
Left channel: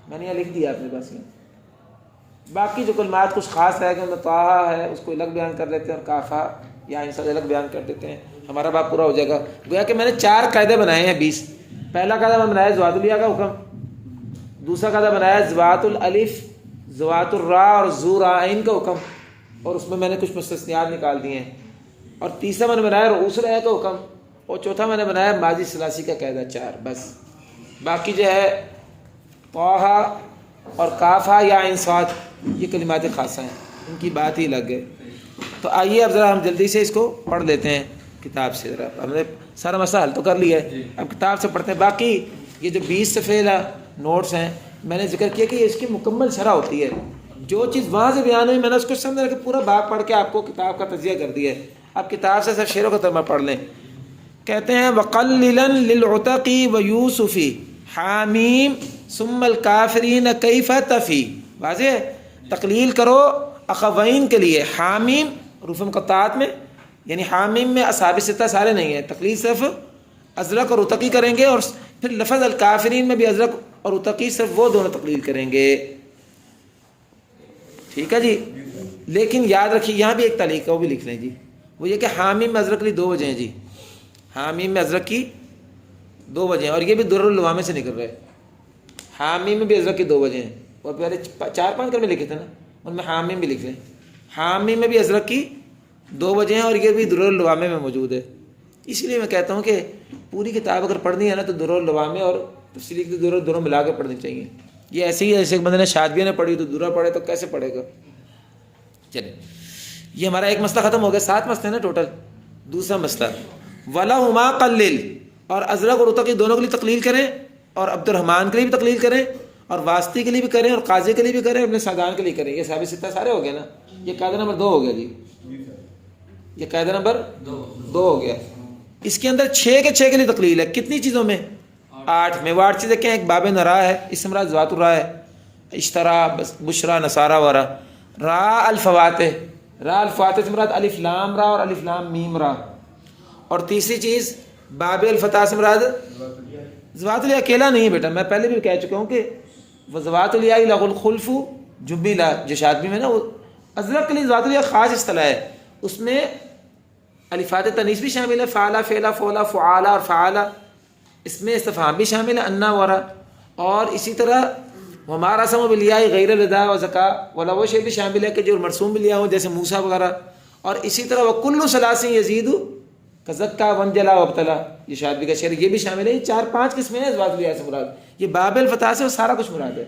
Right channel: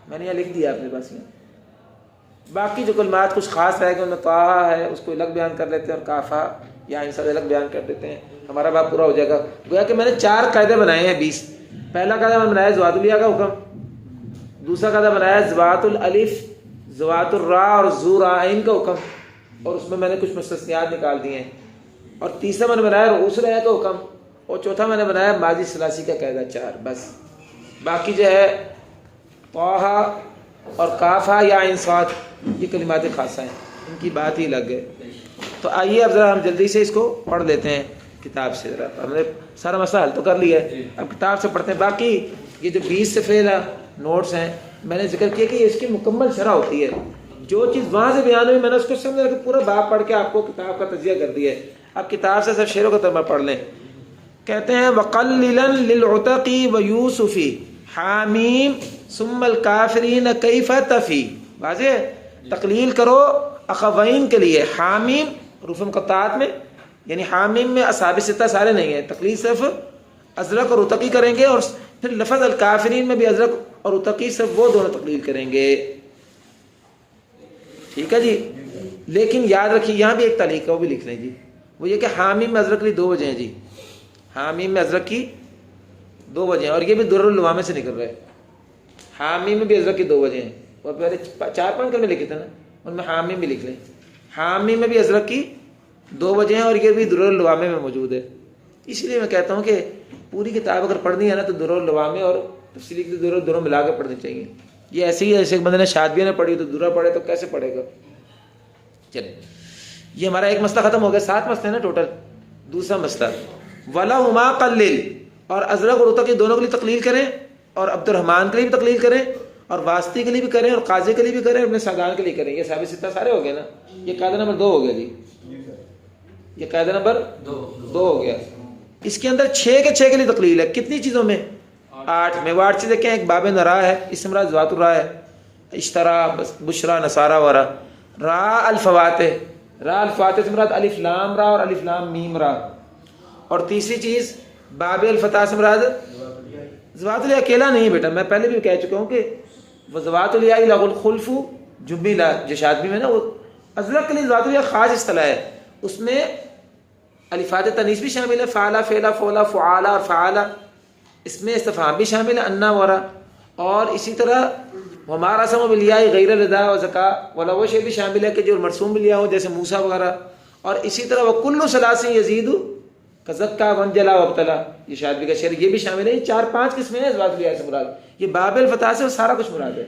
میں نے یہ لکھ دیا اپنے پاس. باقی جو کلمات کچھ خاص رہ گئے ان میں طٰہٰ ہے، اس کو الگ بیان کر لیتے ہیں، اور کافہ یا ان سے الگ بیان کر دیتے ہیں. ہمارا باب پورا ہو جائے گا. گویا کہ میں نے 4 قاعدے بنائے ہیں 20. پہلا قاعدہ میں بنایا زوات الیاء کا حکم، دوسرا قاعدہ بنایا زوات الالف، زوات الراء اور ذو راءین کا حکم، اور اس میں نے کچھ مستثنیات نکال دیے ہیں، اور تیسرا میں نے بنایا رؤوس الآیہ کا حکم، اور چوتھا میں نے بنایا ماضی ثلاثی کا قاعدہ. 4 بس. باقی جو ہے طٰہٰ اور کافہ یا انصاد یہ کلمات خاصہ ہیں، ان کی بات ہی الگ ہے. تو آئیے اب ذرا ہم جلدی سے اس کو پڑھ لیتے ہیں کتاب سے. ذرا ہم نے سارا مسئلہ حل تو کر لیا ہے، اب کتاب سے پڑھتے ہیں. باقی یہ جو 20 صفحے نوٹس ہیں میں نے ذکر کیا کہ یہ اس کی مکمل شرح ہوتی ہے. جو چیز وہاں سے بیان ہوئی میں نے اس کو سمجھا کہ پورا باب پڑھ کے آپ کو کتاب کا تجزیہ کر دیا ہے. آپ کتاب سے صرف شعروں کا ترجمہ پڑھ لیں. کہتے ہیں وقللا للعتقی ویوسفی حامیم ثم الکافرین کیف تفی. واضح ہے؟ تقلیل کرو اخوین کے لیے حامیم حروف مقطعات میں، یعنی حامیم میں اصحاب ستہ سارے نہیں ہیں، تقلیل صرف ازرق اور اتقی کریں گے، اور پھر لفظ الکافرین میں بھی ازرق اور اتقی صرف وہ دونوں تقلیل کریں گے. ٹھیک ہے جی. لیکن یاد رکھیے یہاں بھی ایک تعلیق ہے، وہ بھی لکھ لیں جی. وہ یہ کہ حامیم میں ازرق کی 2 وجہ ہیں جی. حامیم میں ازرق کی 2 وجہ ہیں، اور یہ بھی درر اللوامے سے نکل رہا ہے. حامیم میں بھی ازرق کی 2 وجہ ہیں، اور پہلے 4-5 کلمے لکھے تھے نا، ان میں حامیم بھی لکھ لیں. حامیم میں بھی ازرق کی 2 وجہ ہیں، اور یہ بھی درر اللوامے میں موجود ہے. اس لیے میں کہتا ہوں کہ پوری کتاب اگر پڑھنی ہے نا تو درر اللوامے اور تفسیر کی دونوں ملا کے پڑھنی چاہیے. یہ ایسے ہی ایسے بندے نے شاطبیہ نے پڑھی تو درہ پڑھے تو کیسے پڑھے گا. چلیں یہ ہمارا ایک مسئلہ ختم ہو گیا. 7 مسئلے نا ٹوٹل. دوسرا مسئلہ وَلَهُمَا قَلِّلْ، اور ازرق اور اتقی دونوں کے لیے تقلیل کریں، اور عبد الرحمن کے لیے بھی تقلیل کریں، اور واسطی کے لیے بھی کریں، اور قاضی کے لیے بھی کریں، اور ابن سعدان کے لیے کریں. یہ صحابی ستہ سارے ہو گئے نا. یہ قاعدہ نمبر 2 ہو گیا جی. یہ قاعدہ نمبر 2 ہو گیا. اس کے اندر 6 کے 6 کے لیے تقلیل ہے. کتنی چیزوں میں؟ 8 میں. وہ 8 چیزیں کیا ہیں؟ ایک باب نرا ہے، اس مراد ذات الرا ہے، اشترا بشرا نصارا ورا. را الفواتح، را الفاتح سے مراد الف لام را اور الف لام میم را. اور تیسری چیز باب الفتح سے مراد ذوات الیاء. اکیلا نہیں بیٹا، میں پہلے بھی کہہ چکا ہوں کہ وہ ذوات الیاء لغ الخلف جبلا جو شاطبی میں نا، وہ ازرق کے لیے ذوات الیاء خاص اصطلاح ہے. اس میں الفات تنیث بھی شامل ہے، فعلا فعلا فولا فعالا اور فعالا. اس میں استفہام بھی شامل ہے، انا ورا. اور اسی طرح ہمارا سم بالیاء غیر ردا و زکا والا وہ شے بھی شامل ہے کہ جو مرسوم بالیا ہو، جیسے موسیٰ وغیرہ. اور اسی طرح وہ کل ثلاثی یزید کزکا ونجلا وابتلا، یہ شاطبی کا شعر، یہ بھی شامل ہے. 4-5 قسمیں ہیں ذوات الیاء سے مراد. یہ باب الفتح سے وہ سارا کچھ مراد ہے.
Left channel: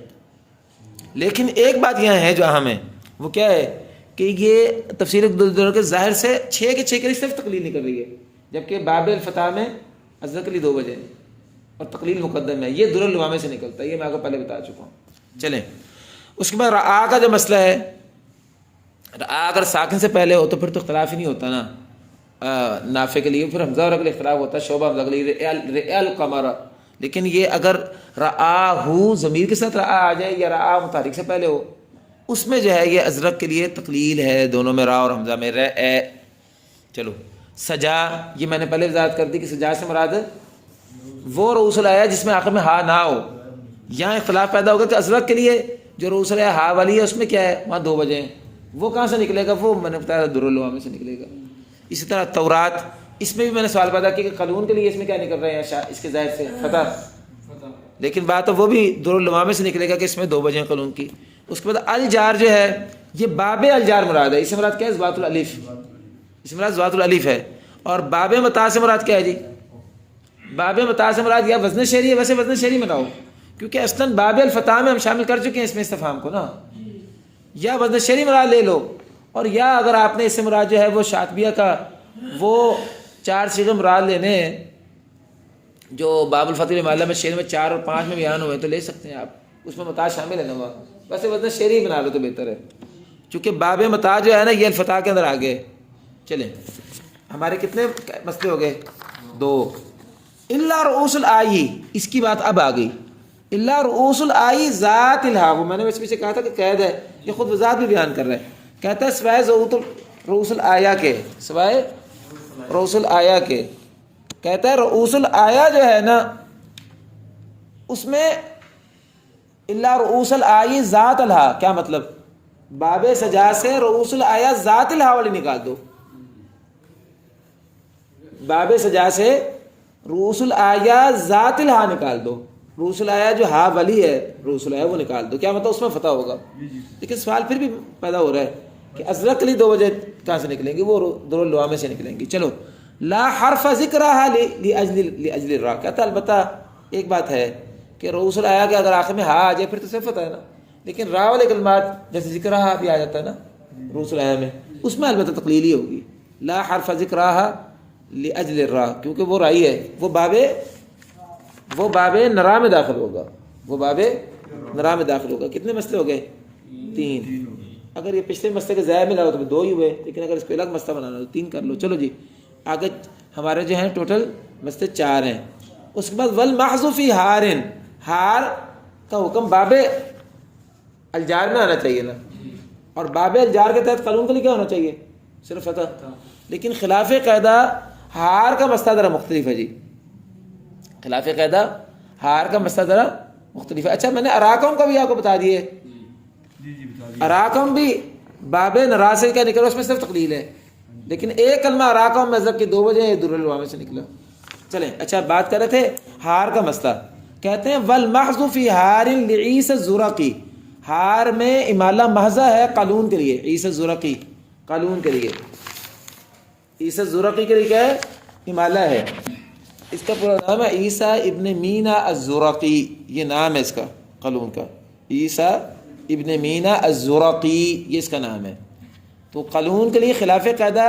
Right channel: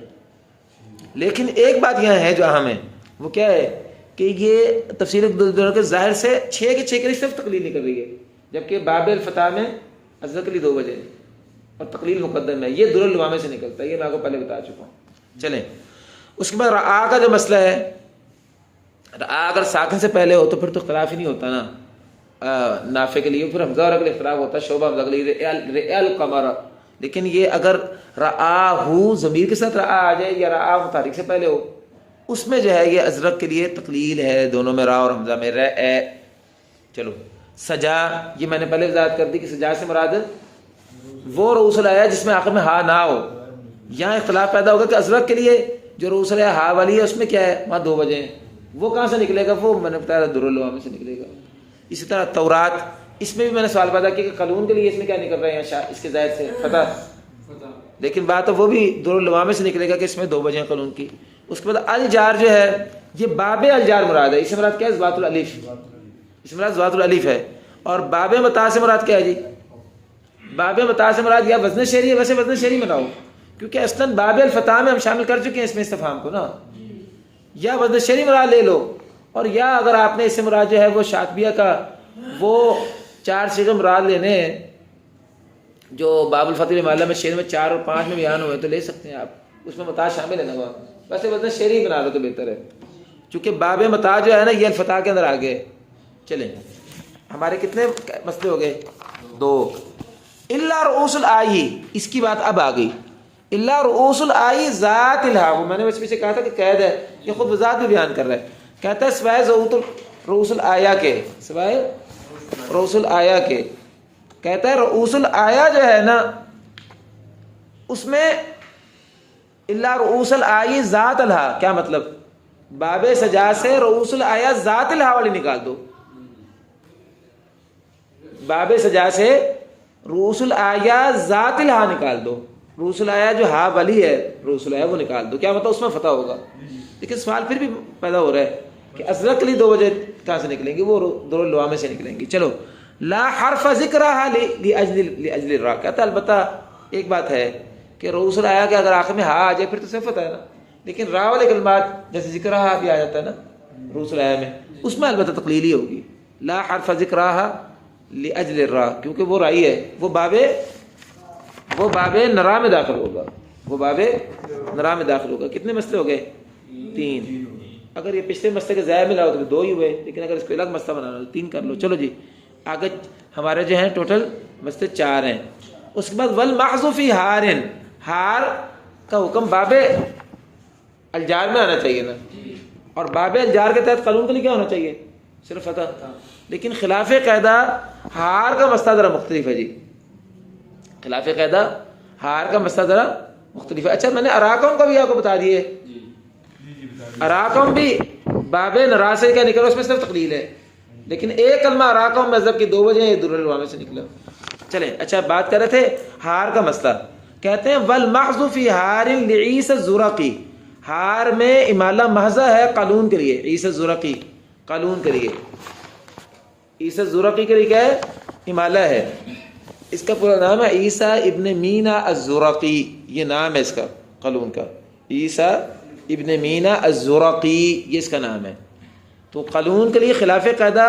لیکن ایک بات یہاں ہے جو اہم ہے، وہ کیا ہے کہ یہ تفسیر کے ظاہر سے 6 کے 6 کے لیے صرف تقلیل نہیں کر رہی ہے، جبکہ باب الفتح میں ازرق کے لیے 2 وجہ اور تقلیل مقدم ہے. یہ در اللوامے سے نکلتا ہے، یہ میں آپ کو پہلے بتا چکا ہوں. چلیں اس کے بعد رعا کا جو مسئلہ ہے، رعا اگر ساکن سے پہلے ہو تو پھر تو اختلاف ہی نہیں ہوتا نا. نافع کے لیے پھر حمزہ اور کے لیے اختلاف ہوتا ہے، شعبہ حمزہ کے لیے رئال قمر. لیکن یہ اگر رعا ہو ضمیر کے ساتھ رعا آ جائے یا رعا متحرک سے پہلے ہو، اس میں جو ہے یہ ازرق کے لیے تقلیل ہے، دونوں میں را اور حمزہ میں ر اے. چلو سجا، یہ میں نے پہلے وضاحت کر دی کہ سجا سے مراد وہ رؤوس الایا جس میں آخر میں ہا نہ ہو. یہاں اختلاف پیدا ہوگا کہ ازرق کے لیے جو رؤوس الایا ہا والی ہے اس میں کیا ہے؟ وہاں 2 وجہ ہیں. وہ کہاں سے نکلے گا؟ وہ میں نے بتایا در اللوامے سے نکلے گا. اسی طرح تورات، اس میں بھی میں نے سوال پیدا کیا کہ قانون کے لیے اس میں کیا نکل رہے ہیں؟ اس کے ظاہر سے فتح. لیکن بات وہ بھی در اللوامے سے نکلے گا کہ اس میں 2 وجہ ہیں قانون کی. اس کے بعد الجار جو ہے یہ باب الجار مراد ہے. اس سے مراد کیا ہے؟ ذوات الالف. اس سے مراد ذوات الالف ہے. اور باب متاع سے مراد کیا ہے جی؟ باب متاع سے مراد یا وزن شعری ہے، ویسے وزن شعری میں لاؤ کیونکہ اصلاً باب الفتح میں ہم شامل کر چکے ہیں اس میں استفہام کو نا. یا وزن شعری مراد لے لو، اور یا اگر آپ نے اس سے مراد جو ہے وہ شاطبیہ کا وہ 4 صیغے مراد لینے ہیں جو باب الفتح معلیٰ میں شعر میں 4 اور 5 میں بیان ہوئے تو لے سکتے ہیں آپ. اس میں متاع شامل ہے نا. وہ ویسے وزن شعری بنا لو تو بہتر ہے، چونکہ باب متاع جو ہے نا یہ الفتح کے اندر آ گئے. چلیں ہمارے کتنے مسئلے ہو گئے؟ 2. الا رؤوس الائی، اس کی بات اب آ گئی. الا رؤوس الائی ذات الہا، وہ میں نے اس پیچھے کہا تھا کہ قید ہے، یہ خود ذات میں بیان کر رہا ہے. کہتا ہے سوائے رؤوس الایا کے، سوائے رؤوس الایا کے. کہتا ہے رؤوس الایا جو ہے نا اس میں الا رؤوس الائی ذات الہا، کیا مطلب؟ باب سجا سے رؤوس الایا ذات الہا والی نکال دو. باب سجا سے رؤوس الایا ذات الہا نکال دو. رؤوس الایا جو ہا والی ہے رؤوس الایا وہ نکال دو. کیا مطلب؟ اس میں فتح ہوگا. لیکن سوال پھر بھی پیدا ہو رہا ہے کہ ازرق کے لیے 2 وجہ کہاں سے نکلیں گی؟ وہ در اللوامے سے نکلیں گی. چلو لا حرف ذکرہا لاجل الرا. کہتا ہے البتہ ایک بات ہے کہ رؤوس الایا کہ اگر آخر میں ہا آ جائے پھر تو صرف فتح ہے نا. لیکن را والے کلمات جیسے ذکرہا بھی آ جاتا ہے نا رؤوس الایا میں، اس میں البتہ تقلیل ہی ہوگی. لا حرف ذکرہا لاجل الرا، کیونکہ وہ رائی ہے، وہ باب نرا میں داخل ہوگا. وہ باب نرا میں داخل ہوگا. کتنے مسئلے ہو گئے؟ 3. اگر یہ پچھلے مسئلے کے ضائع میں لاؤ تو 2 ہی ہوئے، لیکن اگر اس کو الگ مسئلہ بنانا تو 3 کر لو. چلو جی آگے ہمارے جو ہیں ٹوٹل مسئلے 4 ہیں. اس کے بعد والمحض فی ہارن، ہار کا حکم باب الجار میں ہونا چاہیے نا، اور باب الجار کے تحت قانون کے لیے کیا ہونا چاہیے؟ صرف فتح. لیکن خلاف قاعدہ ہار کا مسئلہ ذرا مختلف ہے جی. خلاف قاعدہ ہار کا مسئلہ ذرا مختلف ہے. اچھا میں نے اراکم کا بھی آپ کو بتا دیے. اراکم بھی باب نرا سے کیا نکلا، اس میں صرف تقلیل ہے، لیکن ایک کلمہ اراکم مذہب کی 2 وجہ یہ در العلوم سے نکلا. چلیں اچھا بات کر رہے تھے ہار کا مسئلہ. کہتے ہیں والمحض فی ہار لعیسی الزرقی، ہار میں امالہ محضہ ہے قالون کے لیے. عیسی الزرقی قالون کے لیے، عیسی الزرقی کے لیے کیا ہے؟ امالہ ہے. اس کا پورا نام ہے عیسیٰ ابن مینا الزرقی، یہ نام ہے اس کا قالون کا. عیسیٰ ابن مینا الزرقی یہ اس کا نام ہے. تو قالون کے لیے خلاف قاعدہ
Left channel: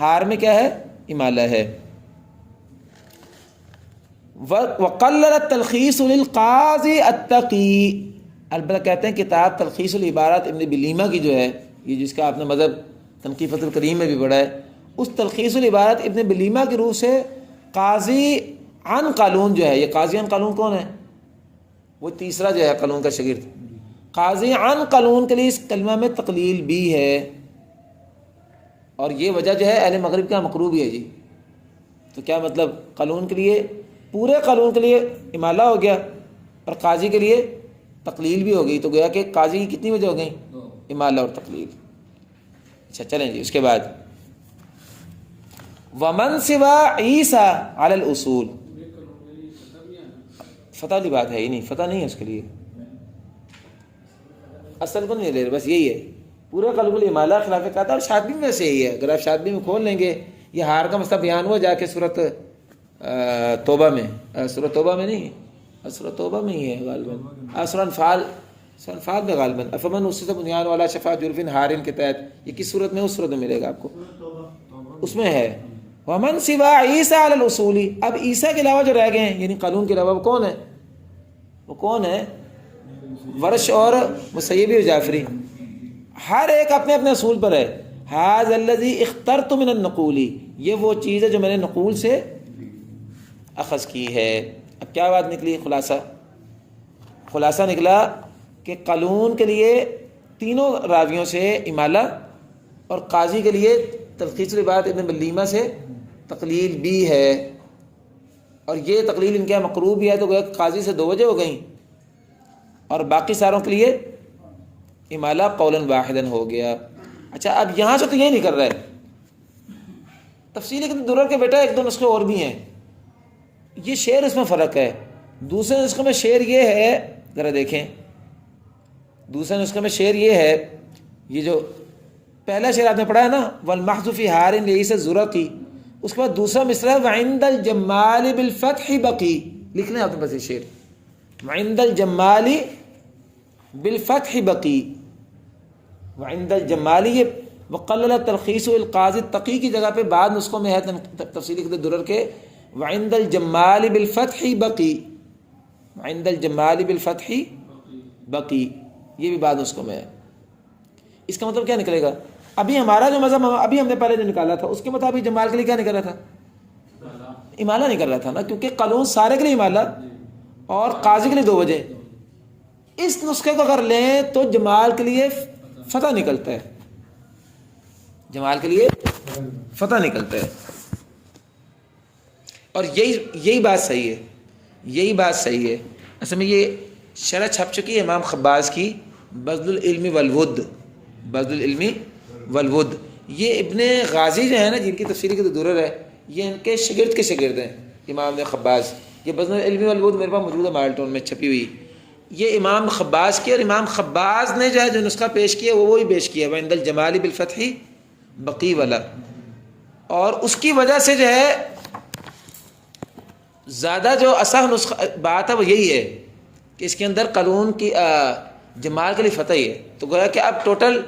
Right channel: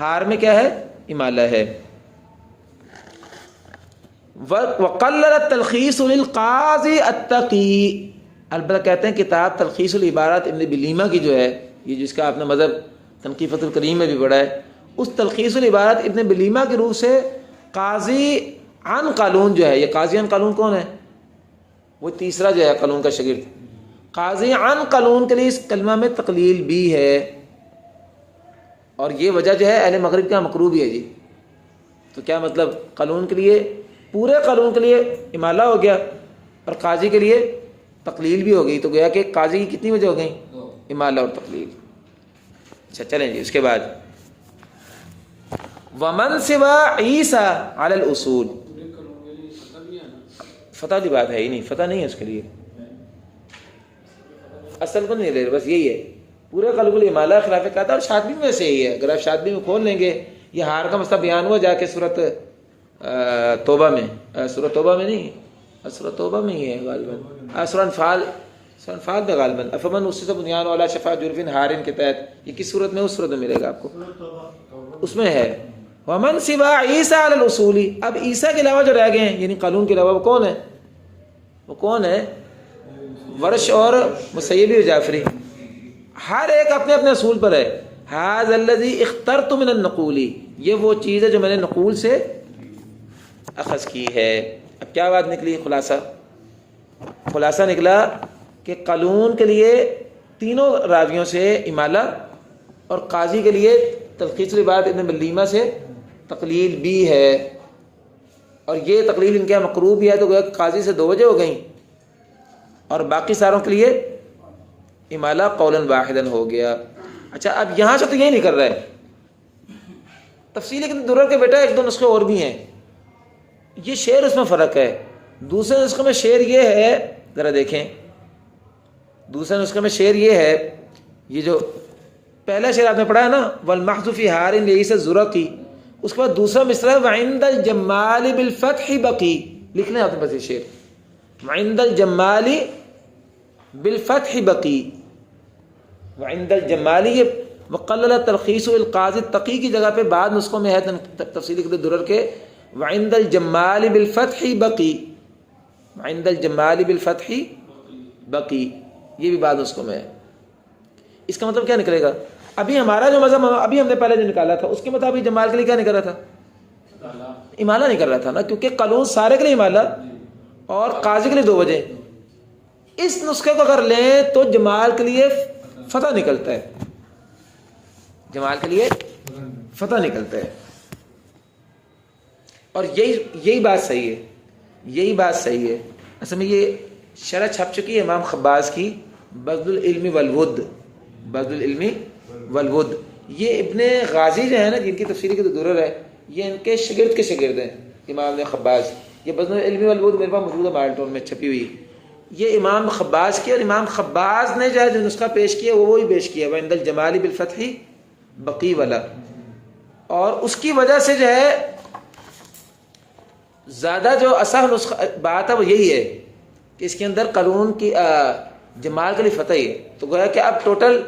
ہار میں کیا ہے؟ امالہ ہے. وقلل التلخیص للقاضی التقی، البتہ کہتے ہیں کتاب تلخیص العبارات ابن بلیمہ کی جو ہے، یہ جس کا آپ نے مذہب تنقیفۃ الکریم میں بھی پڑھا ہے، اس تلخیص العبارات ابن بلیمہ کے روح سے قاضی عن قالون جو ہے، یہ قاضی عن قالون کون ہے؟ وہ تیسرا جو ہے قالون کا شاگرد. قاضی عن قالون کے لیے اس کلمہ میں تقلیل بھی ہے، اور یہ وجہ جو ہے اہل مغرب کا مکروہ بھی ہے جی. تو کیا مطلب؟ قالون کے لیے، پورے قالون کے لیے امالہ ہو گیا اور قاضی کے لیے تقلیل بھی ہو گئی. تو گویا کہ قاضی کی کتنی وجہ ہو گئی؟ امالہ اور تقلیل. اچھا چلیں جی اس کے بعد ومن سوا عیسیٰ علی الاصول، فتح والی بات ہے ہی نہیں، فتح نہیں ہے اس کے لیے، اصل کو نہیں لے رہے، بس یہی ہے پورے قلب الامالہ خلاف قاعدہ. اور شاطبی میں سے یہی ہے، اگر آپ شاطبی میں کھول لیں گے یہ ہار کا مسئلہ بیان ہوا جا کے سورۃ توبہ میں، سورۃ توبہ میں نہیں، سورۃ توبہ میں ہی ہے غالباً، سورۃ انفال میں غالباً. افمن اسس بنیان علی شفا جرف ہار کے تحت، یہ کس صورت میں؟ اس صورت میں ملے گا آپ کو، اس میں ہے ومن سوا عیسیٰ علی الاصول. اب عیسیٰ کے علاوہ جو رہ گئے ہیں یعنی قالون کے علاوہ، وہ کون ہے؟ وہ کون ہے؟ ورش اور مسیبی و جعفری، ہر ایک اپنے اپنے اصول پر ہے. ھذا الذی اخترت من النقول، یہ وہ چیز ہے جو میں نے نقول سے اخذ کی ہے. اب کیا بات نکلی؟ خلاصہ نکلا کہ قالون کے لیے تینوں راویوں سے امالہ، اور قاضی کے لیے تلخیص العبارات ابن بلیمہ سے تقلیل بھی ہے، اور یہ تقلیل ان کے یہاں مکروہ بھی ہے. تو قاضی سے 2 وجہ ہو گئیں، اور باقی ساروں کے لیے امالہ قولاً واحداً ہو گیا. اچھا اب یہاں سے تو یہ نہیں کر رہا ہے تفصیلی کہ درر کے بیٹا 1-2 نسخے اور بھی ہیں، یہ شعر اس میں فرق ہے. دوسرے نسخے میں شعر یہ ہے، ذرا دیکھیں، دوسرے نسخے میں شعر یہ ہے، یہ جو پہلا شعر آپ نے پڑھا ہے نا والمحض فی ہار لعیسی الزرقی، اس کے بعد دوسرا مصرع وعند الجمال بالفتح بقی. لکھ لیں آپ نے بس یہ شعر، وعند الجمال بالفتح بقی. وعند الجمال یہ وقلل تلخیص القاضی التقی کی جگہ پہ بعد نسخوں میں ہے تفصیلی درر کے وعند الجمال بالفتح بقی، وعند الجمال بالفتح بقی، یہ بھی بعد نسخوں میں ہے. اس کا مطلب کیا نکلے گا؟ ابھی ہمارا جو مذہب ابھی ہم نے پہلے جو نکالا تھا اس کے مطابق جمال کے لیے کیا نکل رہا تھا؟ امالہ نہیں کر رہا تھا نا، کیونکہ قانون سارے کے لیے امالہ اور قاضی کے لیے 2 وجہ. اس نسخے کو اگر لیں تو جمال کے لیے فتح نکلتا ہے، جمال کے لیے فتح نکلتا ہے. اور یہی بات صحیح ہے، یہی بات صحیح ہے. اصل میں یہ شرح چھپ چکی ہے امام خباز کی بذل العلم والود، بذل العلم والود. یہ ابن غازی جو ہے نا جن کی تفسیری کی درر ہے، یہ ان کے شاگرد کے شاگرد ہیں امام خباز. یہ بذل العلم والود میرے پاس موجود ہے مالٹون میں چھپی ہوئی. یہ امام خباز کی، اور امام خباز نے جو ہے جو نسخہ پیش کیا وہ وہی پیش کیا وعند الجمال بالفتح بقی والا. اور اس کی وجہ سے جو ہے زیادہ جو اصح نسخہ بات ہے وہ یہی ہے کہ اس کے اندر قانون کی جمال کے لیے فتح ہی ہے. تو گویا کہ اب ٹوٹل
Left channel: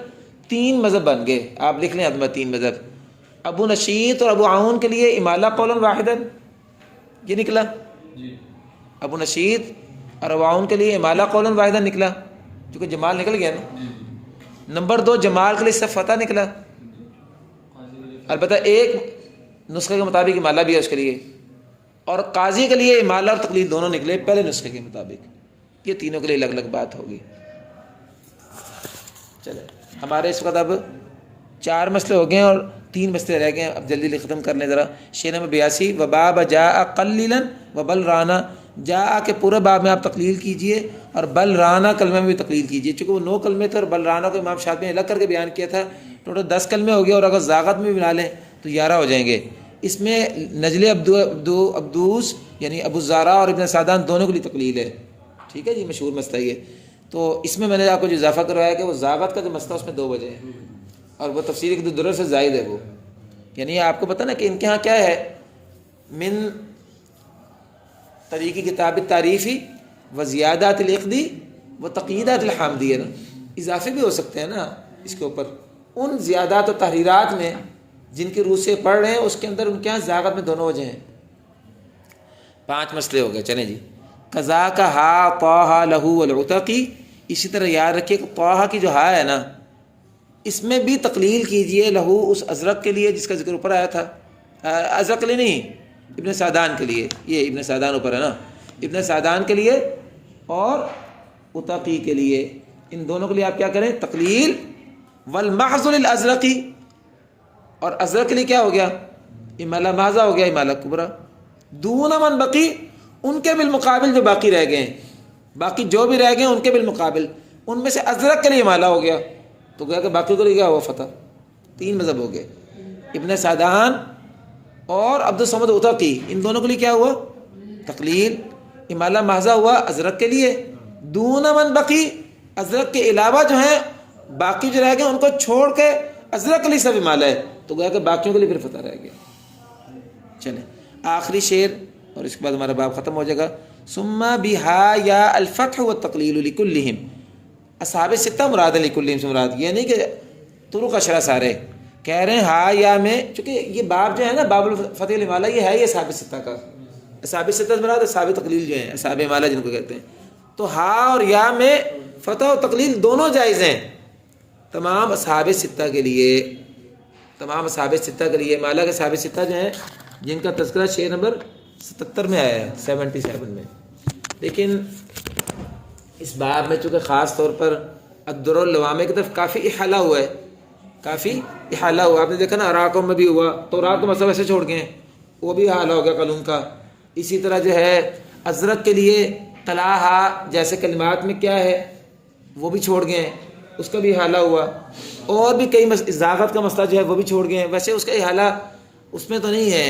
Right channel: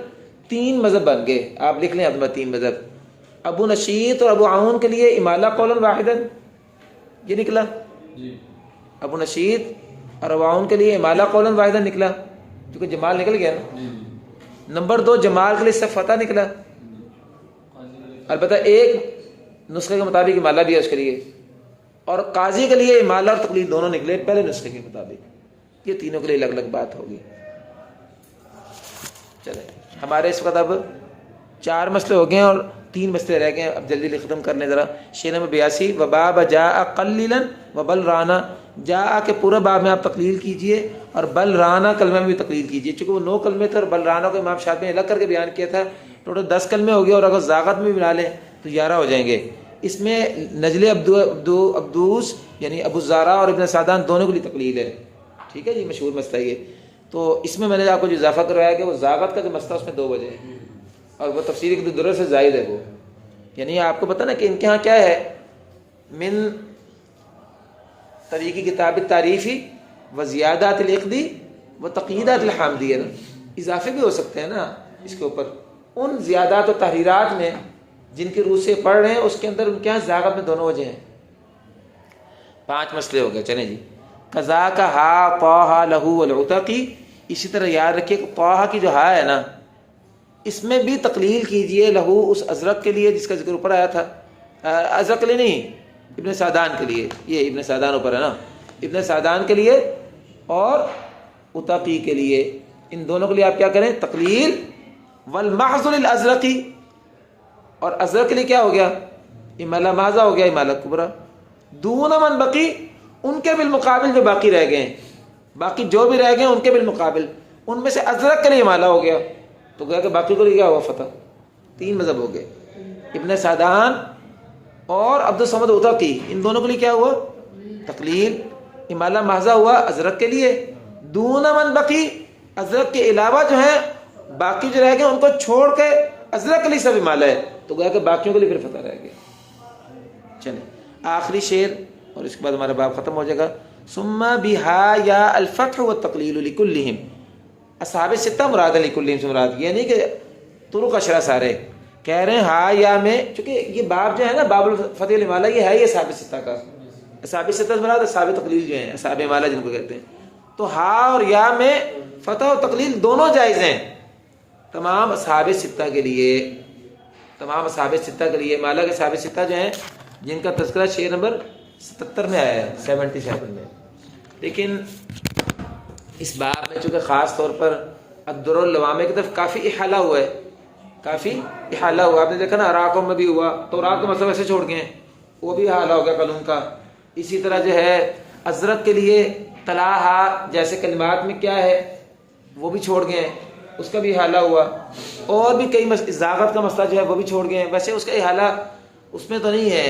3 مذہب بن گئے. آپ لکھ لیں ادمہ 3 مذہب. ابو نشیط اور ابو عون کے لیے امالہ قولاً واحداً، یہ نکلا. ابو نشیط اور ابو عون کے لیے امالہ قولاً واحداً نکلا، کیونکہ جمال نکل گیا نا. نمبر 2 جمال کے لیے صرف فتح نکلا. البتہ ایک نسخے کے مطابق امالہ بھی ہے اس کے لیے، اور قاضی کے لیے امالہ اور تقلید دونوں نکلے پہلے نسخے کے مطابق، یہ تینوں کے لیے الگ الگ بات ہوگی۔ چلے ہمارے اس وقت اب 4 مسئلے ہو گئے ہیں اور 3 مسئلے رہ گئے ہیں، اب جلدی ختم کرنے ذرا۔ شیء نمبر 82 وباب جاء قلیلا وبل رانا، جاء کے پورا باب میں آپ تقلیل کیجئے اور بل رانا کلمے میں بھی تقلیل کیجئے، چونکہ وہ 9 کلمے تھے اور بل رانا کو امام شافعی نے الگ کر کے بیان کیا تھا، ٹوٹل 10 کلمے ہو گئے، اور اگر زاغت میں بھی بنا لیں تو 11 ہو جائیں گے۔ اس میں نجل عبدوس یعنی ابو زارا اور ابن سعدان دونوں کے لیے تقلیل ہے، ٹھیک ہے جی، مشہور مسئلہ یہ۔ تو اس میں نے آپ کو جو اضافہ کروایا کہ وہ زاغت کا جو مسئلہ اس میں 2 وجہ ہیں، اور وہ تفسیر کے درر سے زائد ہے وہ، یعنی آپ کو پتہ نا کہ ان کے ہاں کیا ہے، من طریقی کتاب تعریفی و زیادات العقدی و تقییدات الحامدی ہے نا، اضافے بھی ہو سکتے ہیں نا اس کے اوپر، ان زیادات و تحریرات میں جن کی روح سے پڑھ رہے ہیں اس کے اندر ان کے ہاں زاغت میں دونوں وجہ ہیں۔ 5 مسئلے ہو گئے، چلیں جی۔ قضا کا ہا طہ لہو العتقی، اسی طرح یاد رکھیے کہ طہ کی جو ہا ہے نا اس میں بھی تقلیل کیجئے لہو اس ازرق کے لیے جس کا ذکر اوپر آیا تھا، ازرق کے لیے نہیں، ابن سعدان کے لیے، یہ ابن سعدان اوپر ہے نا، ابن سعدان کے لیے اور عتقی کے لیے، ان دونوں کے لیے آپ کیا کریں، تقلیل۔ والمحض للازرقی، اور ازرق کے لیے کیا ہو گیا، امالہ ماذا ہو گیا، امالہ کبرا۔ دون من بقی، ان کے بالمقابل جو باقی رہ گئے ہیں، باقی جو بھی رہ گئے ہیں ان کے بالمقابل، ان میں سے ازرق کے لیے امالہ ہو گیا، تو گیا کہ باقی کے لیے کیا ہوا، فتح۔ 3 مذہب ہو گئے، ابن سعدان اور عبد الصمد عتقی، ان دونوں کے لیے کیا ہوا، تقلیل۔ امالہ محضہ ہوا ازرق کے لیے، دون من بقی، ازرق کے علاوہ جو ہیں باقی جو رہ گئے ان کو چھوڑ کے ازرق کے لیے سب امالہ ہے، تو گیا کہ باقیوں کے لیے پھر فتح رہ گیا۔ چلیں آخری شعر اور اس کے بعد ہمارا باب ختم ہو جائے گا۔ ثم بہا یا الفتح والتقلیل لکلہم، اصحاب 6 مراد لکلہم سے مراد یہ نہیں کہ طرق اشرا سارے، کہہ رہے ہیں ہا یا میں، چونکہ یہ باب جو ہے نا باب الفتح والامالہ یہ ہے یہ اصحاب 6 کا، اصحاب 6 مراد اصحاب تقلیل جو ہیں، اصحاب امالہ جن کو کہتے ہیں، تو ہا اور یا میں فتح و تقلیل دونوں جائز ہیں تمام اصحاب 6 کے لیے، تمام اصحاب 6 کے لیے۔ امالہ کے اصحاب 6 جو ہیں جن کا تذکرہ شعر نمبر 77 میں آیا ہے، 77 میں، لیکن اس باب میں چونکہ خاص طور پر الدر اللوامع کی طرف کافی احالہ ہوا ہے، کافی احالہ ہوا، آپ نے دیکھا نا اراکم میں بھی ہوا، تو رات کو مسئلہ ایسے چھوڑ گئے ہیں، وہ بھی احالہ ہو گیا قلم کا۔ اسی طرح جو ہے ازرق کے لیے طلاحہ جیسے کلمات میں کیا ہے وہ بھی چھوڑ گئے ہیں، اس کا بھی احالہ ہوا، اور بھی کئی زاغت کا مسئلہ جو ہے وہ بھی چھوڑ گئے ہیں، ویسے اس کا احالہ اس میں تو نہیں ہے،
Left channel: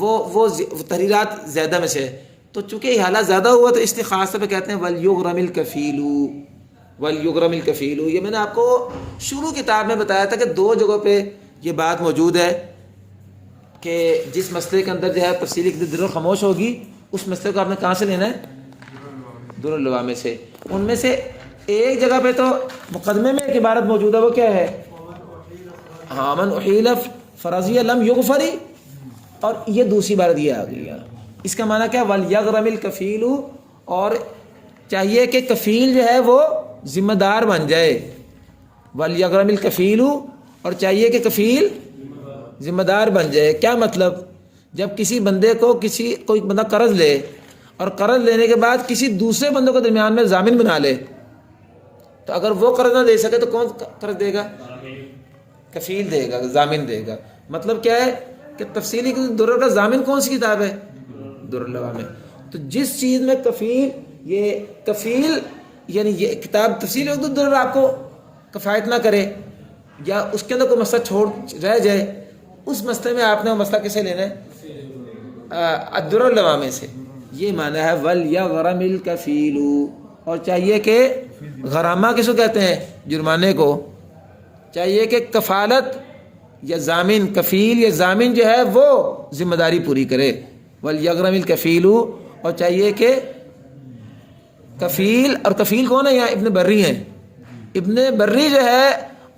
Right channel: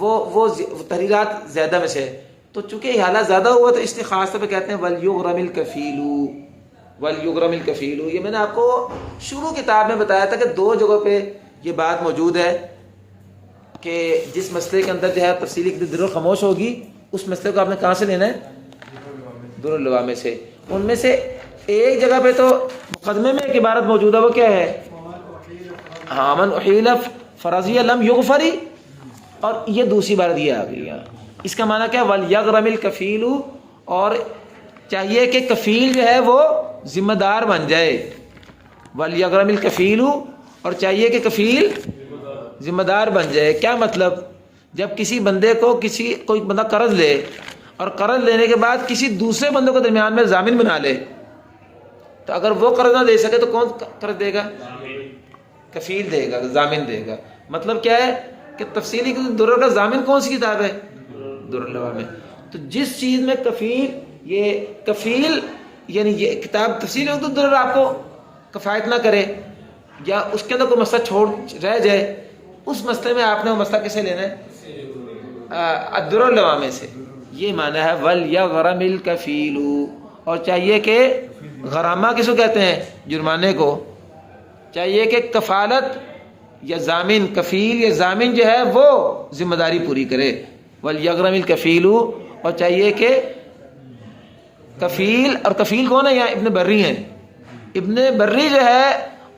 وہ تحریرات زیادہ میں سے، تو چونکہ احالہ زیادہ ہوا تو اس لیے خاص طور پہ کہتے ہیں وَلْيُغْرَمِ الْكَفِيلُ، وَلْيُغْرَمِ الْكَفِيلُ۔ یہ میں نے آپ کو شروع کتاب میں بتایا تھا کہ 2 جگہوں پہ یہ بات موجود ہے کہ جس مسئلے کے اندر جو ہے تفصیلی در خاموش ہوگی اس مسئلے کو آپ نے کہاں سے لینا ہے، در اللوامع سے۔ ان میں سے ایک جگہ پہ تو مقدمے میں ایک عبارت موجود ہے، وہ کیا ہے، ہاں من احیل فرضی لم یغفری، اور یہ دوسری عبارت یہ آ گئی ہے، اس کا معنی کیا، وَلْيَغْرَمِ الْكَفِيلُ، اور چاہیے کہ کفیل جو ہے وہ ذمہ دار بن جائے، وَلْيَغْرَمِ الْكَفِيلُ، اور چاہیے کہ کفیل ذمہ دار بن جائے۔ کیا مطلب، جب کسی بندے کو کوئی بندہ قرض لے اور قرض لینے کے بعد کسی دوسرے بندوں کے درمیان میں ضامن بنا لے، تو اگر وہ قرض نہ دے سکے تو کون قرض دے گا، کفیل دے گا، ضامن دے گا۔ مطلب کیا ہے کہ تفصیلی درر کا ضامن کون سی کتاب ہے، در اللوامع۔ تو جس چیز میں کفیل یعنی یہ کتاب تفصیل درر آپ کو کفایت نہ کرے یا اس کے اندر کوئی مسئلہ چھوڑ رہ جائے، اس مسئلے میں آپ نے وہ مسئلہ کیسے لینا ہے، الدر اللوامع سے۔ یہ معنی ہے وَلْيَغْرَمِ الْكَفِيلُ، اور چاہیے کہ غرامہ کس کو کہتے ہیں، جرمانے کو، چاہیے کہ کفالت یا ضامن، کفیل یا ضامن جو ہے وہ ذمہ داری پوری کرے، وَلْيَغْرَمِ الْكَفِيلُ، اور چاہیے کہ کفیل، اور کفیل کون ہے، یہاں ابن بری ہیں، ابن بری جو ہے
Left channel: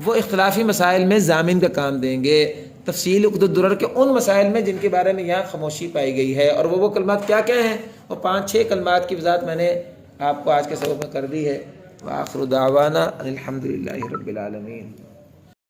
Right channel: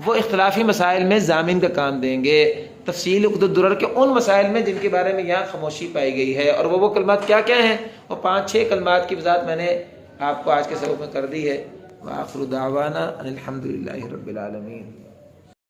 وہ اختلافی مسائل میں ضامن کا کام دیں گے، تفصیل عقد الدرر کے ان مسائل میں جن کے بارے میں یہاں خاموشی پائی گئی ہے، اور وہ کلمات کیا کیا ہیں، وہ 5-6 کلمات کی وضاحت میں نے آپ کو آج کے سبق میں کر دی ہے۔ وآخر دعوانا ان الحمد للہ رب العالمین۔